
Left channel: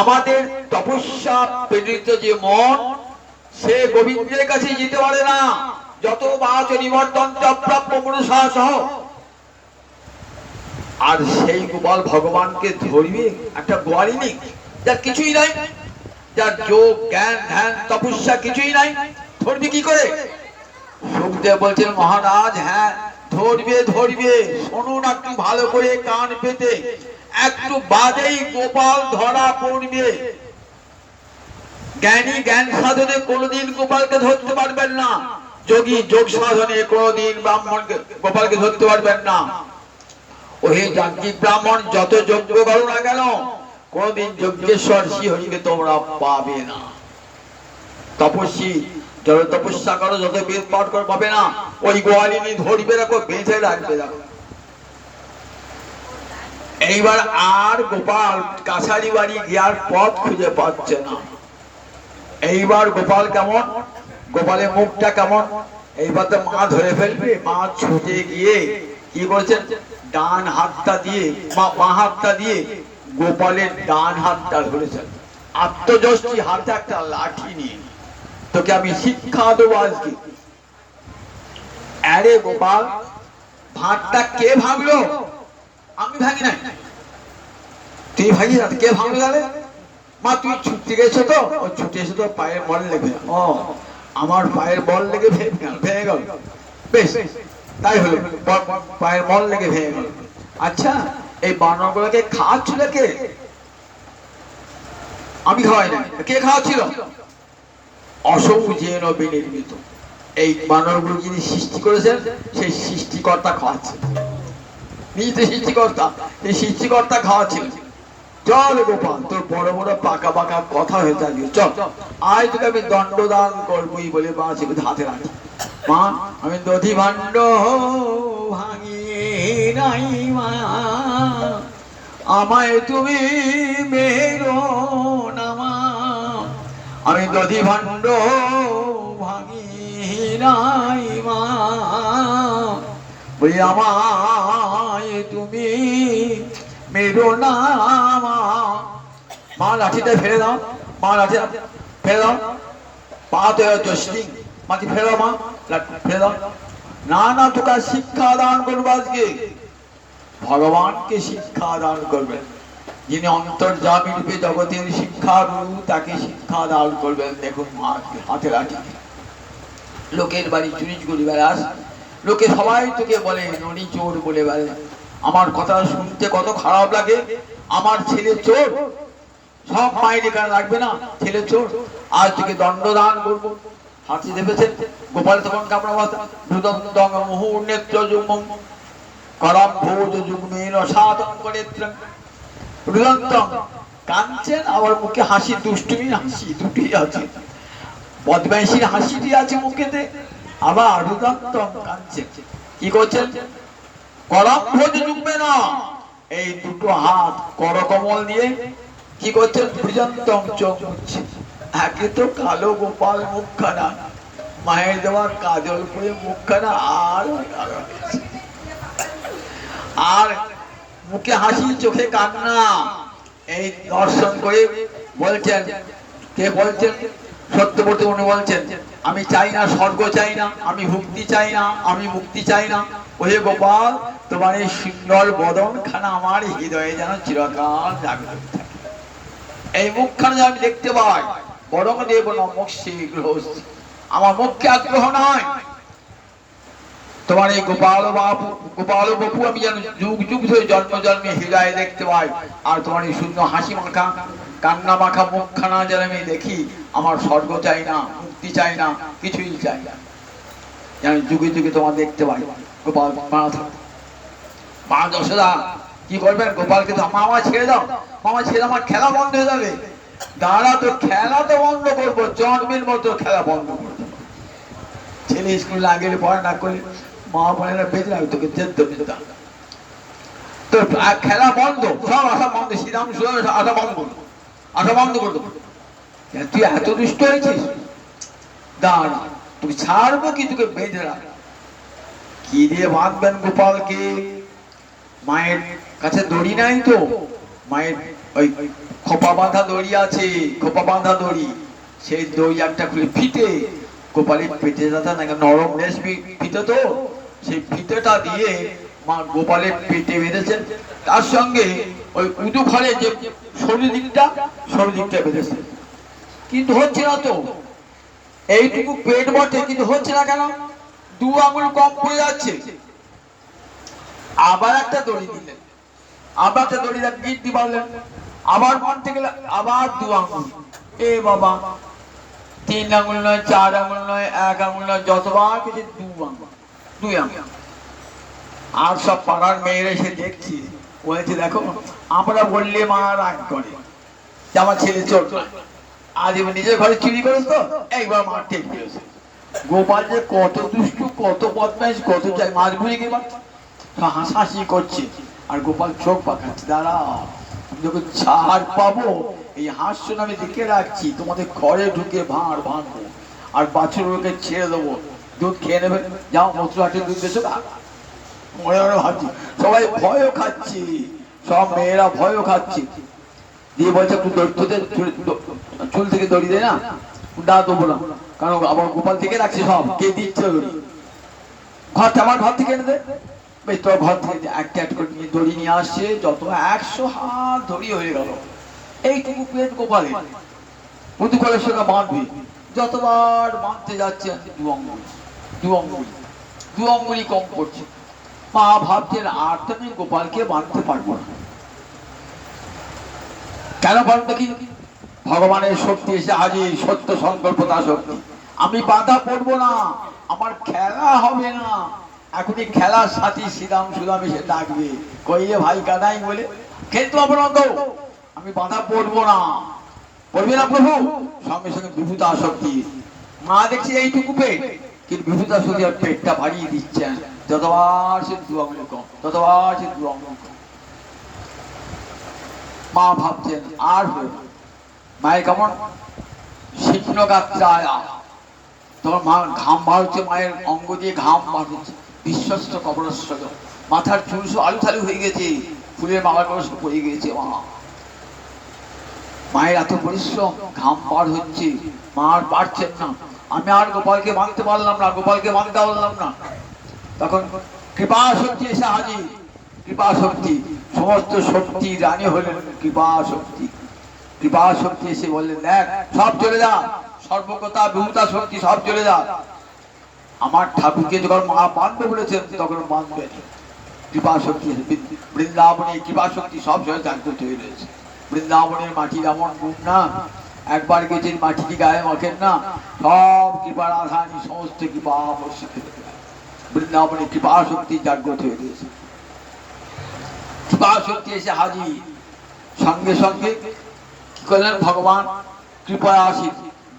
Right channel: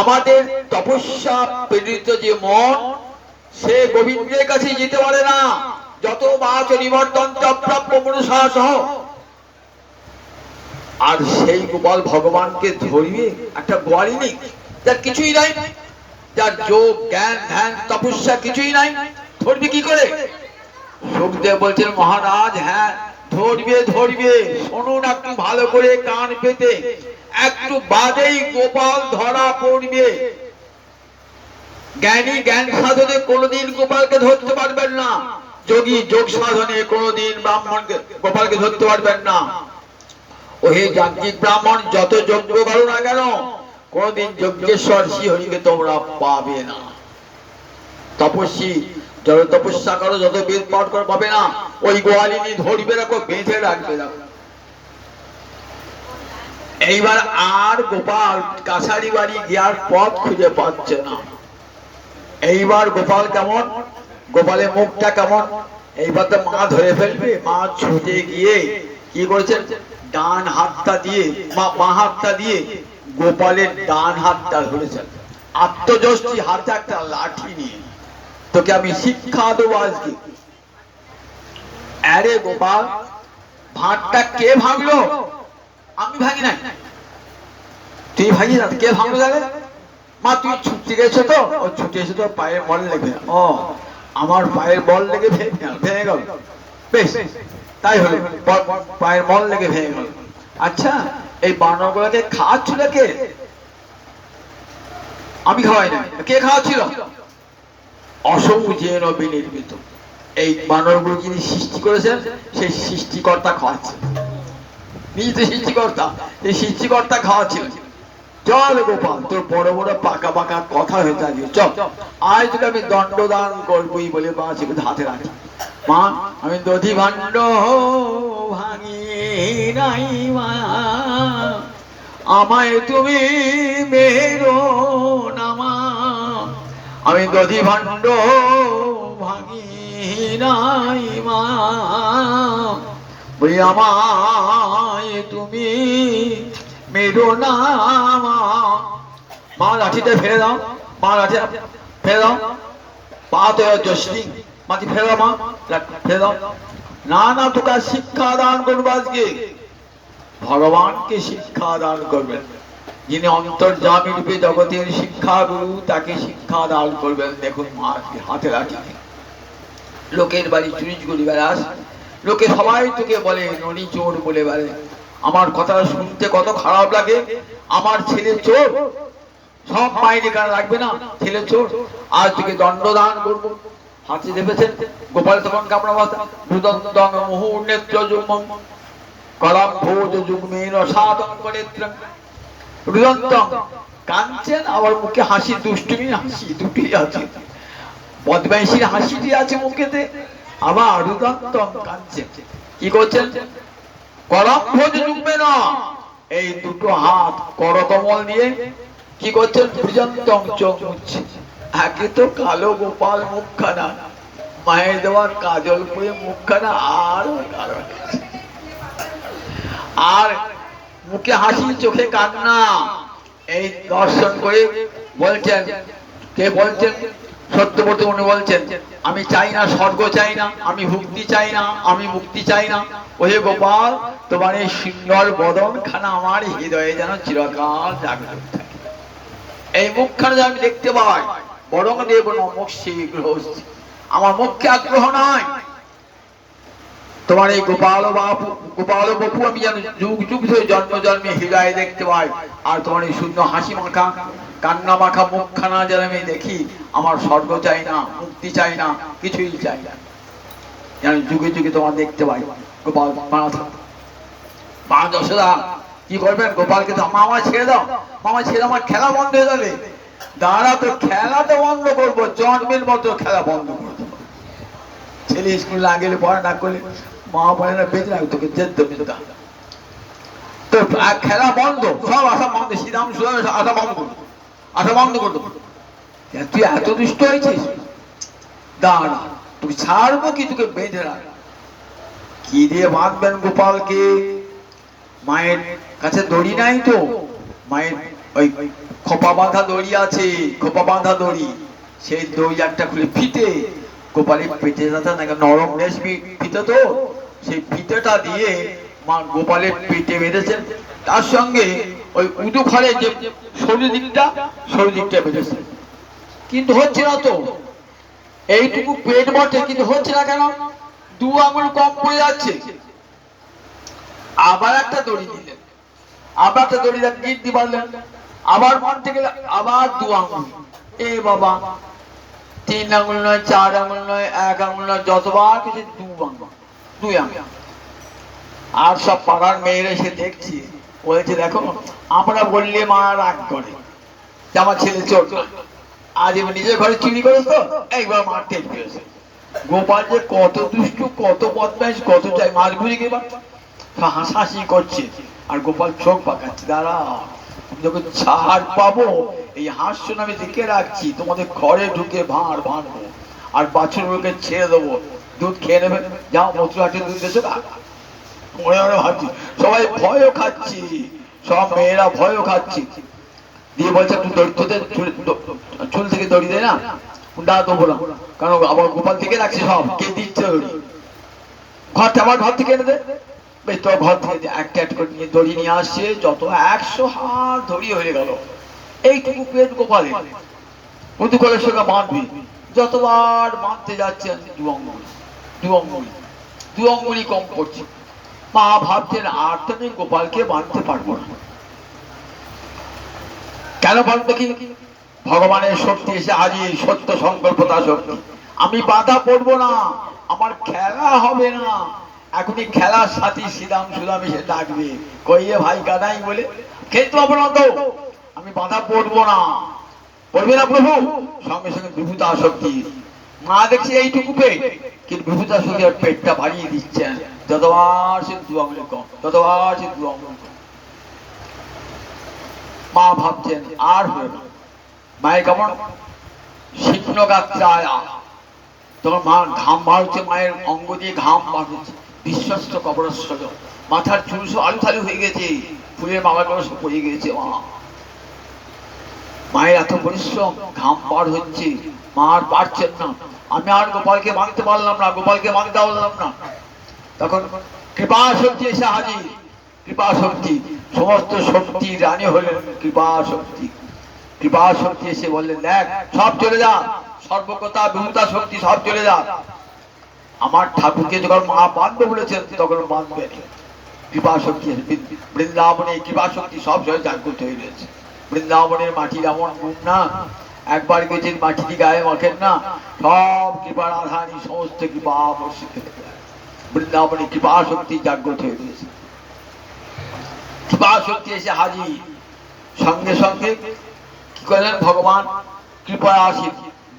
আমাদের তপস্যা প্রেরিত যে মন, সে গোবিন্দের কাছে যেতে পারে না, যত বাচ নিবর্তন অপ্রাপ্য মনুষা সহ। আর সেই গোপাল ভগবানকে ধরবে একটা গোয়ালিনী, যার কিছুই নাই, যার যোগ জ্ঞান ধ্যান তপস্যা কিছুই নাই, ধরবে কি করে? সুখদেব বলছেন মহারাজ হ্যাঁ ধরবে ধরবে, শুনুন একটু ভালো করে কান পেতে, একটু বাদেই গোপাল ধরা পড়বে। জ্ঞানী জ্ঞান সাধনে কোনোদিন গোপালকে ধরতে পারবেন না, যোগী যোগ সাধনে কোনোদিন ব্রাহ্মণকে গোপালকে ধরতে পারবেন না। ওহে যাজ্ঞিক ব্রাহ্মণ যত যজ্ঞ করো না কেন কোনদিন যজ্ঞেশ্বর শ্রীহরিকে তোমরা পাবে না। তপস্বী যত তপস্যা করো যত বেদ পাঠ করো পাবে না। ওই গোয়ালিনী ধরবে রাখো, বেঁধে রাখবে রাখো। এইবার আর গোপাল কাছারি বাড়ি গিয়ার পথ খুঁজে পাচ্ছে না। এইবার গোপাল কেমন, গোপালের মুখটা কেমন, এইবার তো মা ধরে ফেলবে। মা ছুটে গিয়ে কি করেছেন, ডান হাতটা দিয়ে বাঁ হাতটা দিয়ে গোপালের ডান হাতটা ধরেছেন, আত্মযষ্টি হাতে একটা লাঠি নিয়ে, তোকে আমি শিক্ষা দেবো আজকে। আরে গোপাল ভাতটা কে ভাঙলো? আমি ভাঙি নাই। তুই ভাঙি না, কে ভাঙলো তাহলে? মা তুই ছুটতে গেছো তো, ও ছুটে এসে তো পায়ের বল লেগে, ও আমার পায়ের বল লেগে ভেঙে গেল, বেশ তাই হলো, পায়ের বল লেগে ভেঙে গেল। আচ্ছা এই বানর গুলোকে খাওয়াচ্ছিল কে? আমি খাওয়াই না, কে খাওয়াচ্ছিল? অসৌজেন বিনির্মিত, এই বানরগুলো যিনি সৃষ্টি করেছেন সেই সৃষ্টিকর্তা খাওয়াচ্ছেন, নিজে সৃষ্টিকর্তা, এই সৃষ্টিকর্তা খাওয়াচ্ছিলেন। চল গোপাল তোর বড় বড় পাকা পাকা কথা হয়ে থাকে, চল আজ তোকে আমি দণ্ডদান করবোই বলে মা সেগুলো হাতে রাখি। মা আমি দধি ভাণ্ড ভাঙি নাই মা, আমায় তুমি মেরো না মা, আমি দধি ভাণ্ড ভাঙি নাই মা, বলি আমায় তুমি মেরো না মা। মা লাঠিটা ফেলে দাও, মা লাঠি ফেলে দাও, পা তো জস্টিং মাটি ফেলে দাও, মা ফেলে দাও। না না তোকে শিক্ষা দান করবো আজকে, ভগবানকে শিক্ষা দান করবেন, যিনি অন্তর্যামী রূপে জগতের শিক্ষা গুরু তাকে শিক্ষা দান করবেন। দেখুন মা হাতে রাখি, লোকের বাড়ি চুরি চুরি বেড়াস, লোকে সবাই তোকে বলে ননি চোর বলে বেড়ে। আমার কথা শুনতে কত খারাপ লাগে, আমার ছেলে চোর, সব মাইনে কান লাগবে না, ছেলে চোর, আজ তোকে দণ্ডদান করবো। হাতে দেখেছেন গোপাল তখন কামড়া বাতা ভূদং মুহুর নেত্র যুগ্মং কলাম ভোজ যুগ্মের সাধন করে রুদন্তং কাঁদছেন, আবার মুখে হাসি, দুষ্টুমি হাসি দুটি আছে, বদমাইশির হাসিটি আছে মুখেতে, আবার রুদন্তং কাঁদছেন। কি করছেন? কলম ভোজ যুগ্মে না, এই দুটো হাত করকমল দিয়ে কি করছেন? রুদন্তং চোখ মুছছে। একে তো কালো গোপাল মুখখানা, মায়ের দেওয়ার কাজল করে মুখখানা আরো কালো, আর মুখে হাসি চোখে কান্না। এই দর্শন করে বলছেন, কে বলছেন? সত্যবতী উনি বলছেন আমি চাই না স্বর্গ চাই না, আমি মুক্তি চাই না, আমি মুক্তি চাই না। ওহে গোপাল তোমার এই সুন্দর বদন খানা আমার হৃদয়ে যেন চিরকাল জাগ্রত থাকে, এই মুখখানা যেন আমি দেখতে পাই। বরং দেব নমঃ শীঘ্র, আমার মুখে আগ্রহ নয়, তোমার এই গোপাল বাপু আমি যেন যুগ যুগ ধরে জন্ম জন্মে হৃদয়ে দেখতে পাই। আর তোমার এই সুন্দর হাসি মাখা কান্না মাখা মুখখানা যেন আমি দেখি। আমার স্বর্গ চাই না, মুক্তি চাই না, কিছুই চাই না, যেন যুগে যুগে তোমার দেখতে পাই। গোপাল মা যশোদা কি করবেন? গোপালকে তো মামা ছেড়ে দাও, মামা ছেড়ে আমার খেলা বন্ধ হয়ে যাবে। দাঁড়া তো খেলা তো বন্ধ করবো, জন্মের মতো খেলা বন্ধ করবো। ছেলে স্কুলে না গেলে পড়া না করলে মা বলে না বেঁচে রাখবে, তোকে যেতে বেঁচে তো খেলা বন্ধ, সব আসা বন্ধ, শ্রীরাম সুরাম আসা বন্ধ করবো, আসা বন্ধ করবো। তুই এত দুষ্ট হয়েছিস, দাঁড়া তুই ছাড়বো কি, তোকে বেঁধে রাখ। কি দিয়ে বাঁধবেন গোপালকে? মায়ের কাছে দড়ি নাই তো, মায়ের ওই খোপা বাঁধা দড়ি আছে, খোপা বাঁধা দড়ি, সেই দড়ি একটা খুলে ফিতে গোপালের পেটে যাতে না, নরম রেশমি ফিতে তো, সেই ফিতেটা দিয়ে মা গোপালের পেটে বেঁধেছেন। তার সঙ্গে ওই উদু ঘরে যে সরু দিকটা বেঁধেছে, কিন্তু হচ্ছে না তো, এইটুকু পেট বটে কিন্তু হচ্ছে না কেন? 2 আঙুল কম পড়ে যাচ্ছে। আবার একটা দড়ি দিলেন, আবার একটা দড়ি দেন, গিট পারলেন, আবার মানতে গেলে আবার 2 আঙুল। এ বাবা, 3 আঙুল নয়, 4 আঙুল নয়, 1 আঙুল নয়, যতবার কিছু 2 আঙুল, 2 আঙুল। আর সব পাড়ার মেয়েরা এসে দেখছি, বলেছে দেখো আমরা বললে মা রাগ করে যে আমার ছেলে চোর নয়, আজ এবার নিজের ঘরে চুরি করেছ তো একবার মার টেক পেয়েছে। গোপাল যে কত দুষ্টু, কত বদমাইশ, কত চাই, মাছ বুঝে গেবা হাসাহাসি করছে আর গোপাল চোখ পাকাচ্ছে। দাঁড়া, যখন ছাড় পাবো এই হাস্য আমি দেখে রাখছি, তোমাদের ঘরে ঢুকে ভাঁড় ভাঁড়বো আর বাছুরগুলোকে ছেড়ে দেবো, দুধ খেয়ে নেবে, যাও মথুরাটে দুধ বেশো না। মনে মনে ভাবছি, সবাই ভয়ও খাচ্ছি, সব মেয়েরা ভয়ও খাচ্ছি। দিয়ে বলছে একটু দরিদ্রদের চুল থেকে দড়ি দেয় না, না দেবো না, কারণ আবার গোপাল থেকে রাখছি, সব কে দিচ্ছে দড়ি, আমার ঘর থেকে এনে দেয়। তোর ঘর থেকে একটা একটা করে নিয়ে দড়ি নিয়ে আসছে, যত 100 হাত দড়ি হয়ে গেল। এইটুকু পেট গোপালে প্রতিকূলের সঙ্গে বাঁধবি, যতবার বাঁধতে যাচ্ছেন 2 আঙ্গুল, 2 আঙ্গুল, 2 আঙ্গুলই কম করছে। মা ভাবছেন আর তো আমি গোপালকে বাঁধতে পারবো না। কেন বাঁধতে? কি ভগবানের শক্তি এসে হাজির, সত্য সংকল্পতা শক্তি। আমি বাধা পড়বো না, আমার খেলা হবে না। এখনই খেলার সাথী শ্রীরাম সুরাম এসে ডাকবে, কইয়ে ভাই কাদাই বলে খেলতে পারবো না তো, আমি বাধা পড়বো না। পড়বে না প্রভু? সঙ্গে সঙ্গে বিভূতা শক্তি। মা দেখছি এইটুকু পেট, কিন্তু বিভূতা শক্তি পেটটা বাড়িয়ে দিচ্ছেন, যতবার সে 2 আঙুল কম, ততবার সে 2 আঙুল কম। মা ভাবছেন আর হবে না। মায়ের কেমন শীর্ণ গাত্রায়া, তখন মা ঘাম বার হচ্ছে, মায়ের অঙ্গ দিয়ে ঘাম বার হচ্ছে, বিশ্বস্ত কবরস্থ, মাথার চুল সব আলু থালু হয়ে গেছে, ফুলের মালা করে সব পড়ে গেছে। মায়ের এত পরিশ্রম, ঘাম বার হচ্ছে, মা আর পারছেন না। আমি আর গোপালকে বাঁধতে পারলাম না, গোপালকে বাঁধতে পারলাম না। তখন কৃপা শক্তি এসে হাজির, কৃপা শক্তি, সমস্ত শক্তি রানী হলেন কৃপা শক্তি। কৃপা শক্তি এসে বললেন দেখ সব চলে যা, সর্বকতা বিভূতা শক্তি সব চলে যা। আমার ঠাকুরকে যখন মা বাঁধবে বলেছেন তখন বাঁধবে। কৃপা শক্তি বৃন্দাবনে কৃপা শক্তি সব জয় জাগ্রত হয়ে রয়েছে। বৃন্দাবনের মাটি যেমন গুণ না, একবার গেছেন মাটিটি গায়ে মাখেন না, সব কৃপার আধানি সমস্ত কৃপা বর্ষিত বৃন্দাবনে কৃপা শক্তি জাগ্রত হয়ে রয়েছে। কৃপা শক্তি এসে হাজির, সঙ্গে সঙ্গে কি করলেন ভগবান? কৃপায় আসি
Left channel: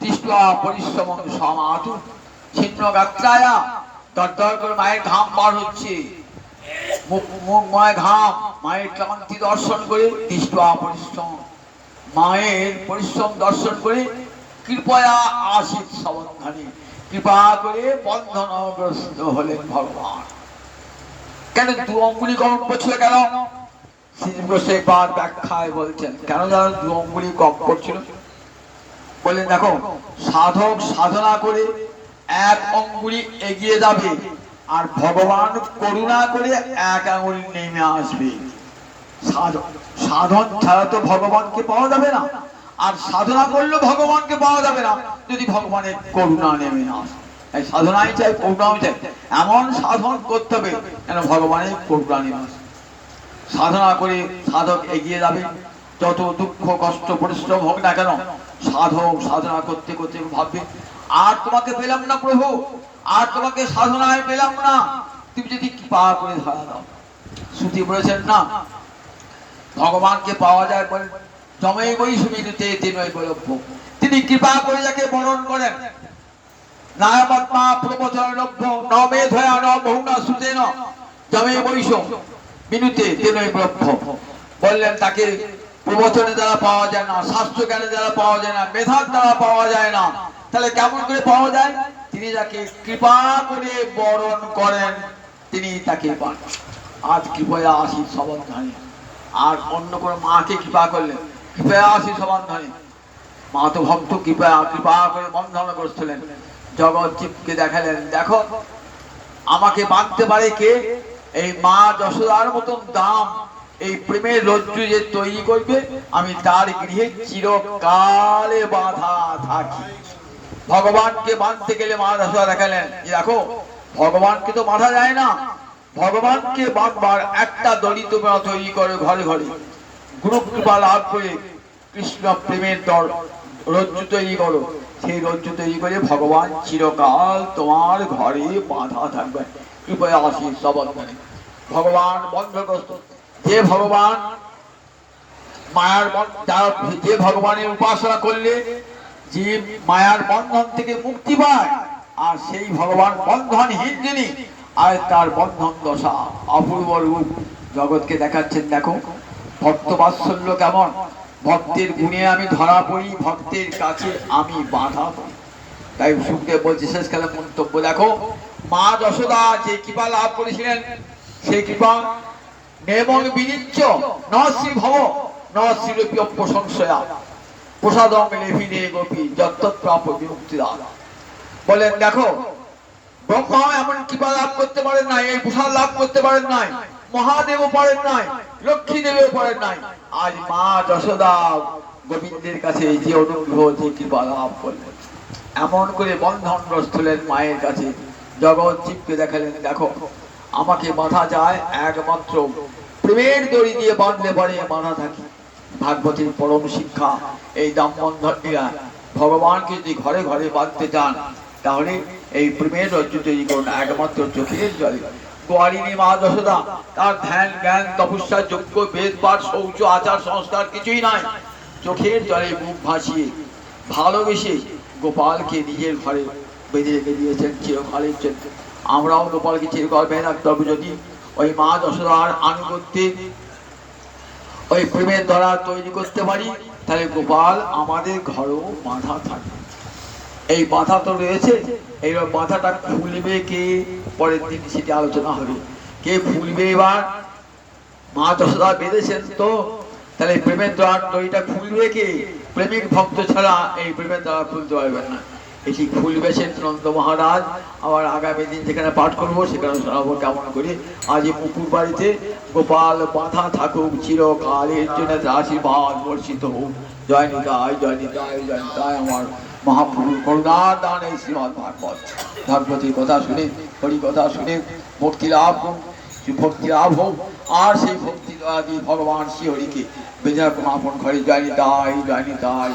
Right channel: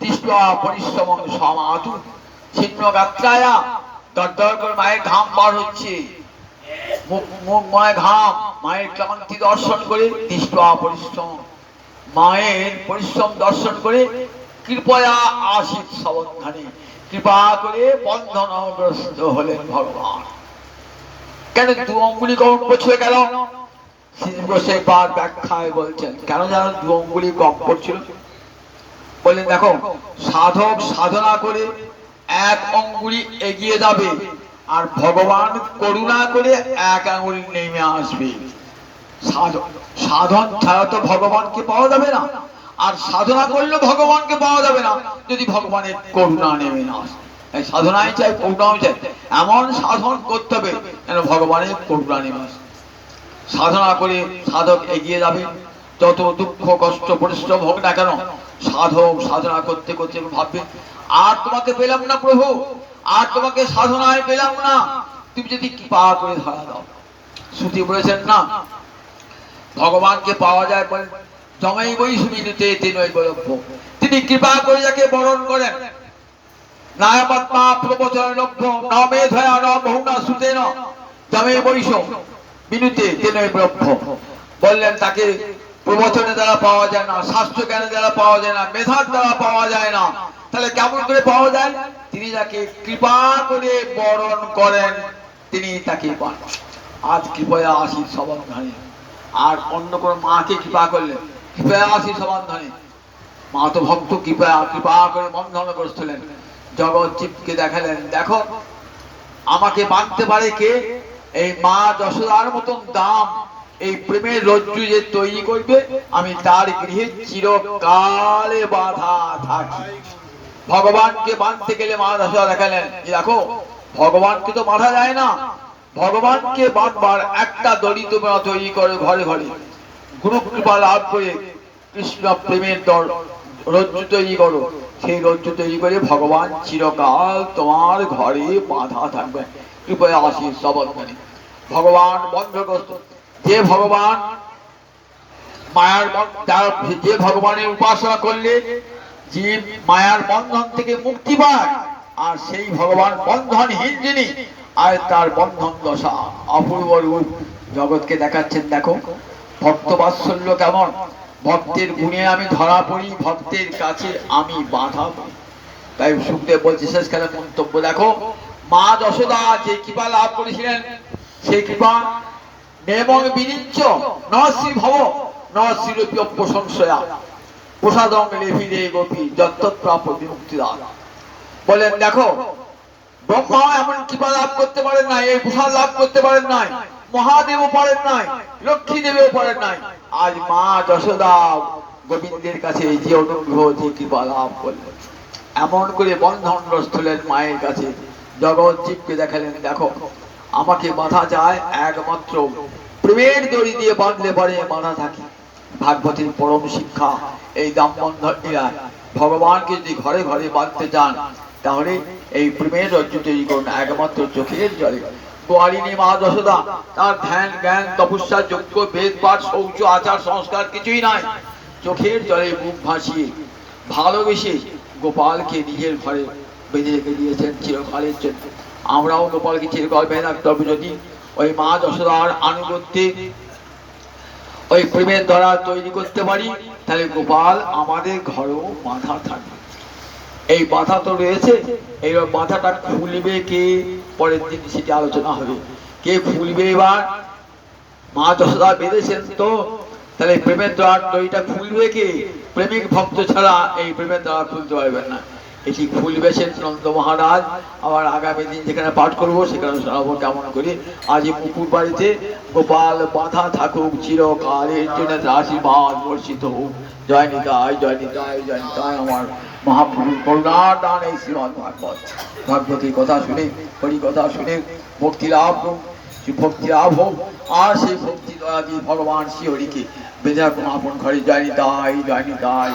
দৃষ্টা পরিশ্রম সমাতু ছিন্ন গাত্রায়া, দরদর করে মায়ের ঘাম বার হচ্ছে, মুখময় ঘাম, মায়ের ক্লান্তি দর্শন করে দৃষ্টা পরিশ্রম, মায়ের পরিশ্রম দর্শন করে কৃপয়া আশিত সাবধানে, কৃপা করে বন্ধনগ্রস্ত হলেন ভগবান। কেন 2 আঙ্গুলি কম পড়ছিল কেন? শ্রী বার ব্যাখ্যায় বলছেন কেন যেন 2 আঙ্গুলি কম পড়ছিল। বললেন দেখো, সাধক সাধনা করে 1 আঙ্গুলি এগিয়ে যাবে, আর ভগবান করুণা করে 1 আঙ্গুলি নেমে আসবে। সাধন ছাড়া তো ভগবানকে পাওয়া যাবে না, আর সাধনা করলে ভগবানকে পাওয়া যাবে না যদি ভগবানের করুণা নেমে না আসে। এই সাধনাই চাই, করুণাও চাই, এমন সাধন করতে হবে যেন ভগবানের করুণা নেমে আসে। সাধনা করে সাধক এগিয়ে যাবে, যত দুঃখ কষ্ট পরিশ্রম হোক না কেন, সাধক সাধনা করতে করতে ভাববে আর তোমাকে পেলাম না প্রভু, আর তোমাকে সাধনায় পেলাম না, তুমি যদি কৃপা করে ধরা দাও। শ্রুতি বলেছেন না, ভগবানকে পাওয়া যায় বলে জমেই বই সুমিতে তিনই বলভ্য, তিনি কৃপা করে যাকে বরণ করেন। নায়মাত্মা প্রবচন লভ্য ন মেধয়া ন বহুনা সুতেন জমেই বৈষ বিনুতে তিনই ব্রহ্ম। বললেন তাকে প্রবচনের দ্বারা পাওয়া যায় না, শাস্ত্র জ্ঞানের দ্বারা পাওয়া যায় না, মেধার দ্বারা পাওয়া যায় না, তাহলে কেমন করে পাওয়া যায়? তিনি যাকে কৃপা করে বরণ করেন তিনি তাকে পান। আজ কৃপয়া আসি সবধানে, আর অন্য কোন মাকে কৃপা করলেন কৃপয়া আসি সবধানে, মা তো ভক্ত কৃপা কৃপা করে বন্ধন করছিলেন। জগৎ জীবকে দেখালেন দেখো আমাকে বাঁধতে পারে কে? এই মা যশোদার মতন দাম এই প্রেমের রজ্জু যে তৈরি করবে আমি তার গৃহে চিরকালে বাধা থাকি। ভগবানকে বাঁধতে গেলে মা যশোদা দেখালেন, দেখো ভগবানকে তো বাঁধা যায় না, ভগবানকে বাঁধবার একটা দড়ি তোমরা তৈরি করো ঘরে ঘরে, গুরু কৃপা লাভ করে কৃষ্ণ প্রেমের রজ্জু তৈরি করো। সেই রজ্জু তৈরি করে ভগবান চিরকাল তোমার ঘরে বাঁধা থাকবে। কৃপয়া আশীষ সবন্ধনে ভগবান বন্ধগ্রস্ত। যে ভগবান মায়ার যে ভগবানের উপাসনা করলে জীব মায়ার বন্ধন থেকে মুক্তি পায়, আর সেই ভগবান বন্ধনহীন যিনি, আর তার বন্ধন দশা অপূর্ব রূপ জগৎকে দেখাচ্ছেন। দেখো ভক্ত বাৎসল্য কেমন, ভক্তের গুণে আমি ধরা পড়ি, ভক্তের কাছে আমি বাধা পড়ি। তাই সুখদেব বলছে শেষকালে মন্তব্য, দেখো মা যশোদা যে কৃপা লাভ করেছিলেন, সেই কৃপা নেমং বিনিচ্ছ নশ্রী ভব নশ্রীরূপী অপ্রসংশয়া প্রসাদং লেভিরে গোপী যত্তপ্রাপ বিমুক্তিদান। বলেন দেখো ব্রহ্মা এমন কৃপা লাভ করতে পারেন নাই, এই প্রসাদ লাভ করতে পারেন নাই, মহাদেবও পারেন নাই, লক্ষ্মী দেবীও পারেন নাই। আজ মা যশোদা গোবিন্দের কাছে যে অনুগ্রহ যে কৃপা লাভ করলেন, এমন করে বন্ধনগ্রস্ত হলেন মায়ের কাছে, জগৎ জীবকে দেখালেন দেখো আমাকে বাঁধা যায় একমাত্র প্রেমের দড়ি দিয়ে বাঁধলে পরে বাঁধা থাকে। ভাগবতীর পরম শিক্ষা এই দামবন্ধন ক্রিয়া। ভগবানকে যদি ঘরে ঘরে বাঁধতে চান তাহলে এই প্রেমের রজ্জু তৈরি করুন একমাত্র চোখের জলে। গোয়ারিনী মা যশোদা তার ধ্যান জ্ঞান তপস্যা যজ্ঞ বেদ পাঠ শৌচ আচার সংস্কার কিছুই নাই, চোখের জলে মুখ ভাসিয়ে ভালোবেসে গোপালকে নিজের ঘরে বেঁধে রেখে দিয়েছেন চিরকালের জন্য। আমরাও গোপালকে চিরকাল বেঁধে রাখতে হবে যদি ওই মা যশোদার আনুগত্যে ওই প্রেমের দ্বারা তৈরি করতে পারি, তাহলে গোপাল আমাদের ঘরেও বাঁধা থাকবে। এই বাঁধা তো রয়েছে, এই বাঁধাটা খুলবে কে পরের দিন সেটা আলোচনা হবে। কে খুলবে এবার? মা যশোদা বেঁধেছেন তো, তাহলে প্রেমের দ্বার দড়িটা খুলবে কে? প্রেমিক ভক্ত ছাড়া এই প্রেমের দ্বার খুলতে পারবেন না। এটি খুলবে সে নন্দ মহারাজ। আবার আগামী দিন যেখানে পাঠ করবো সেখানে শোনাবো কেমন করে। আজ পুকুর বাড়িতে গোপাল বাঁধা থাকুক চিরকালের জন্য, আশীর্বাদ বর্ষিত হোক। জয় নিতাই জয় নিতাই জয় নিতাই। আমার মহাপ্রভু করুণার দান এই শ্রীমদ ভাগবত। ভাগবতীর কথা শুনে, হরি কথা শুনে ভক্তি লাভ হোক, ভক্তি লাভ হোক। আর সেই ভক্তি দ্বারা ভগবান শ্রী হরিকে বেঁধে আপন ঘরে জয় নিতাই জয় নিতাই।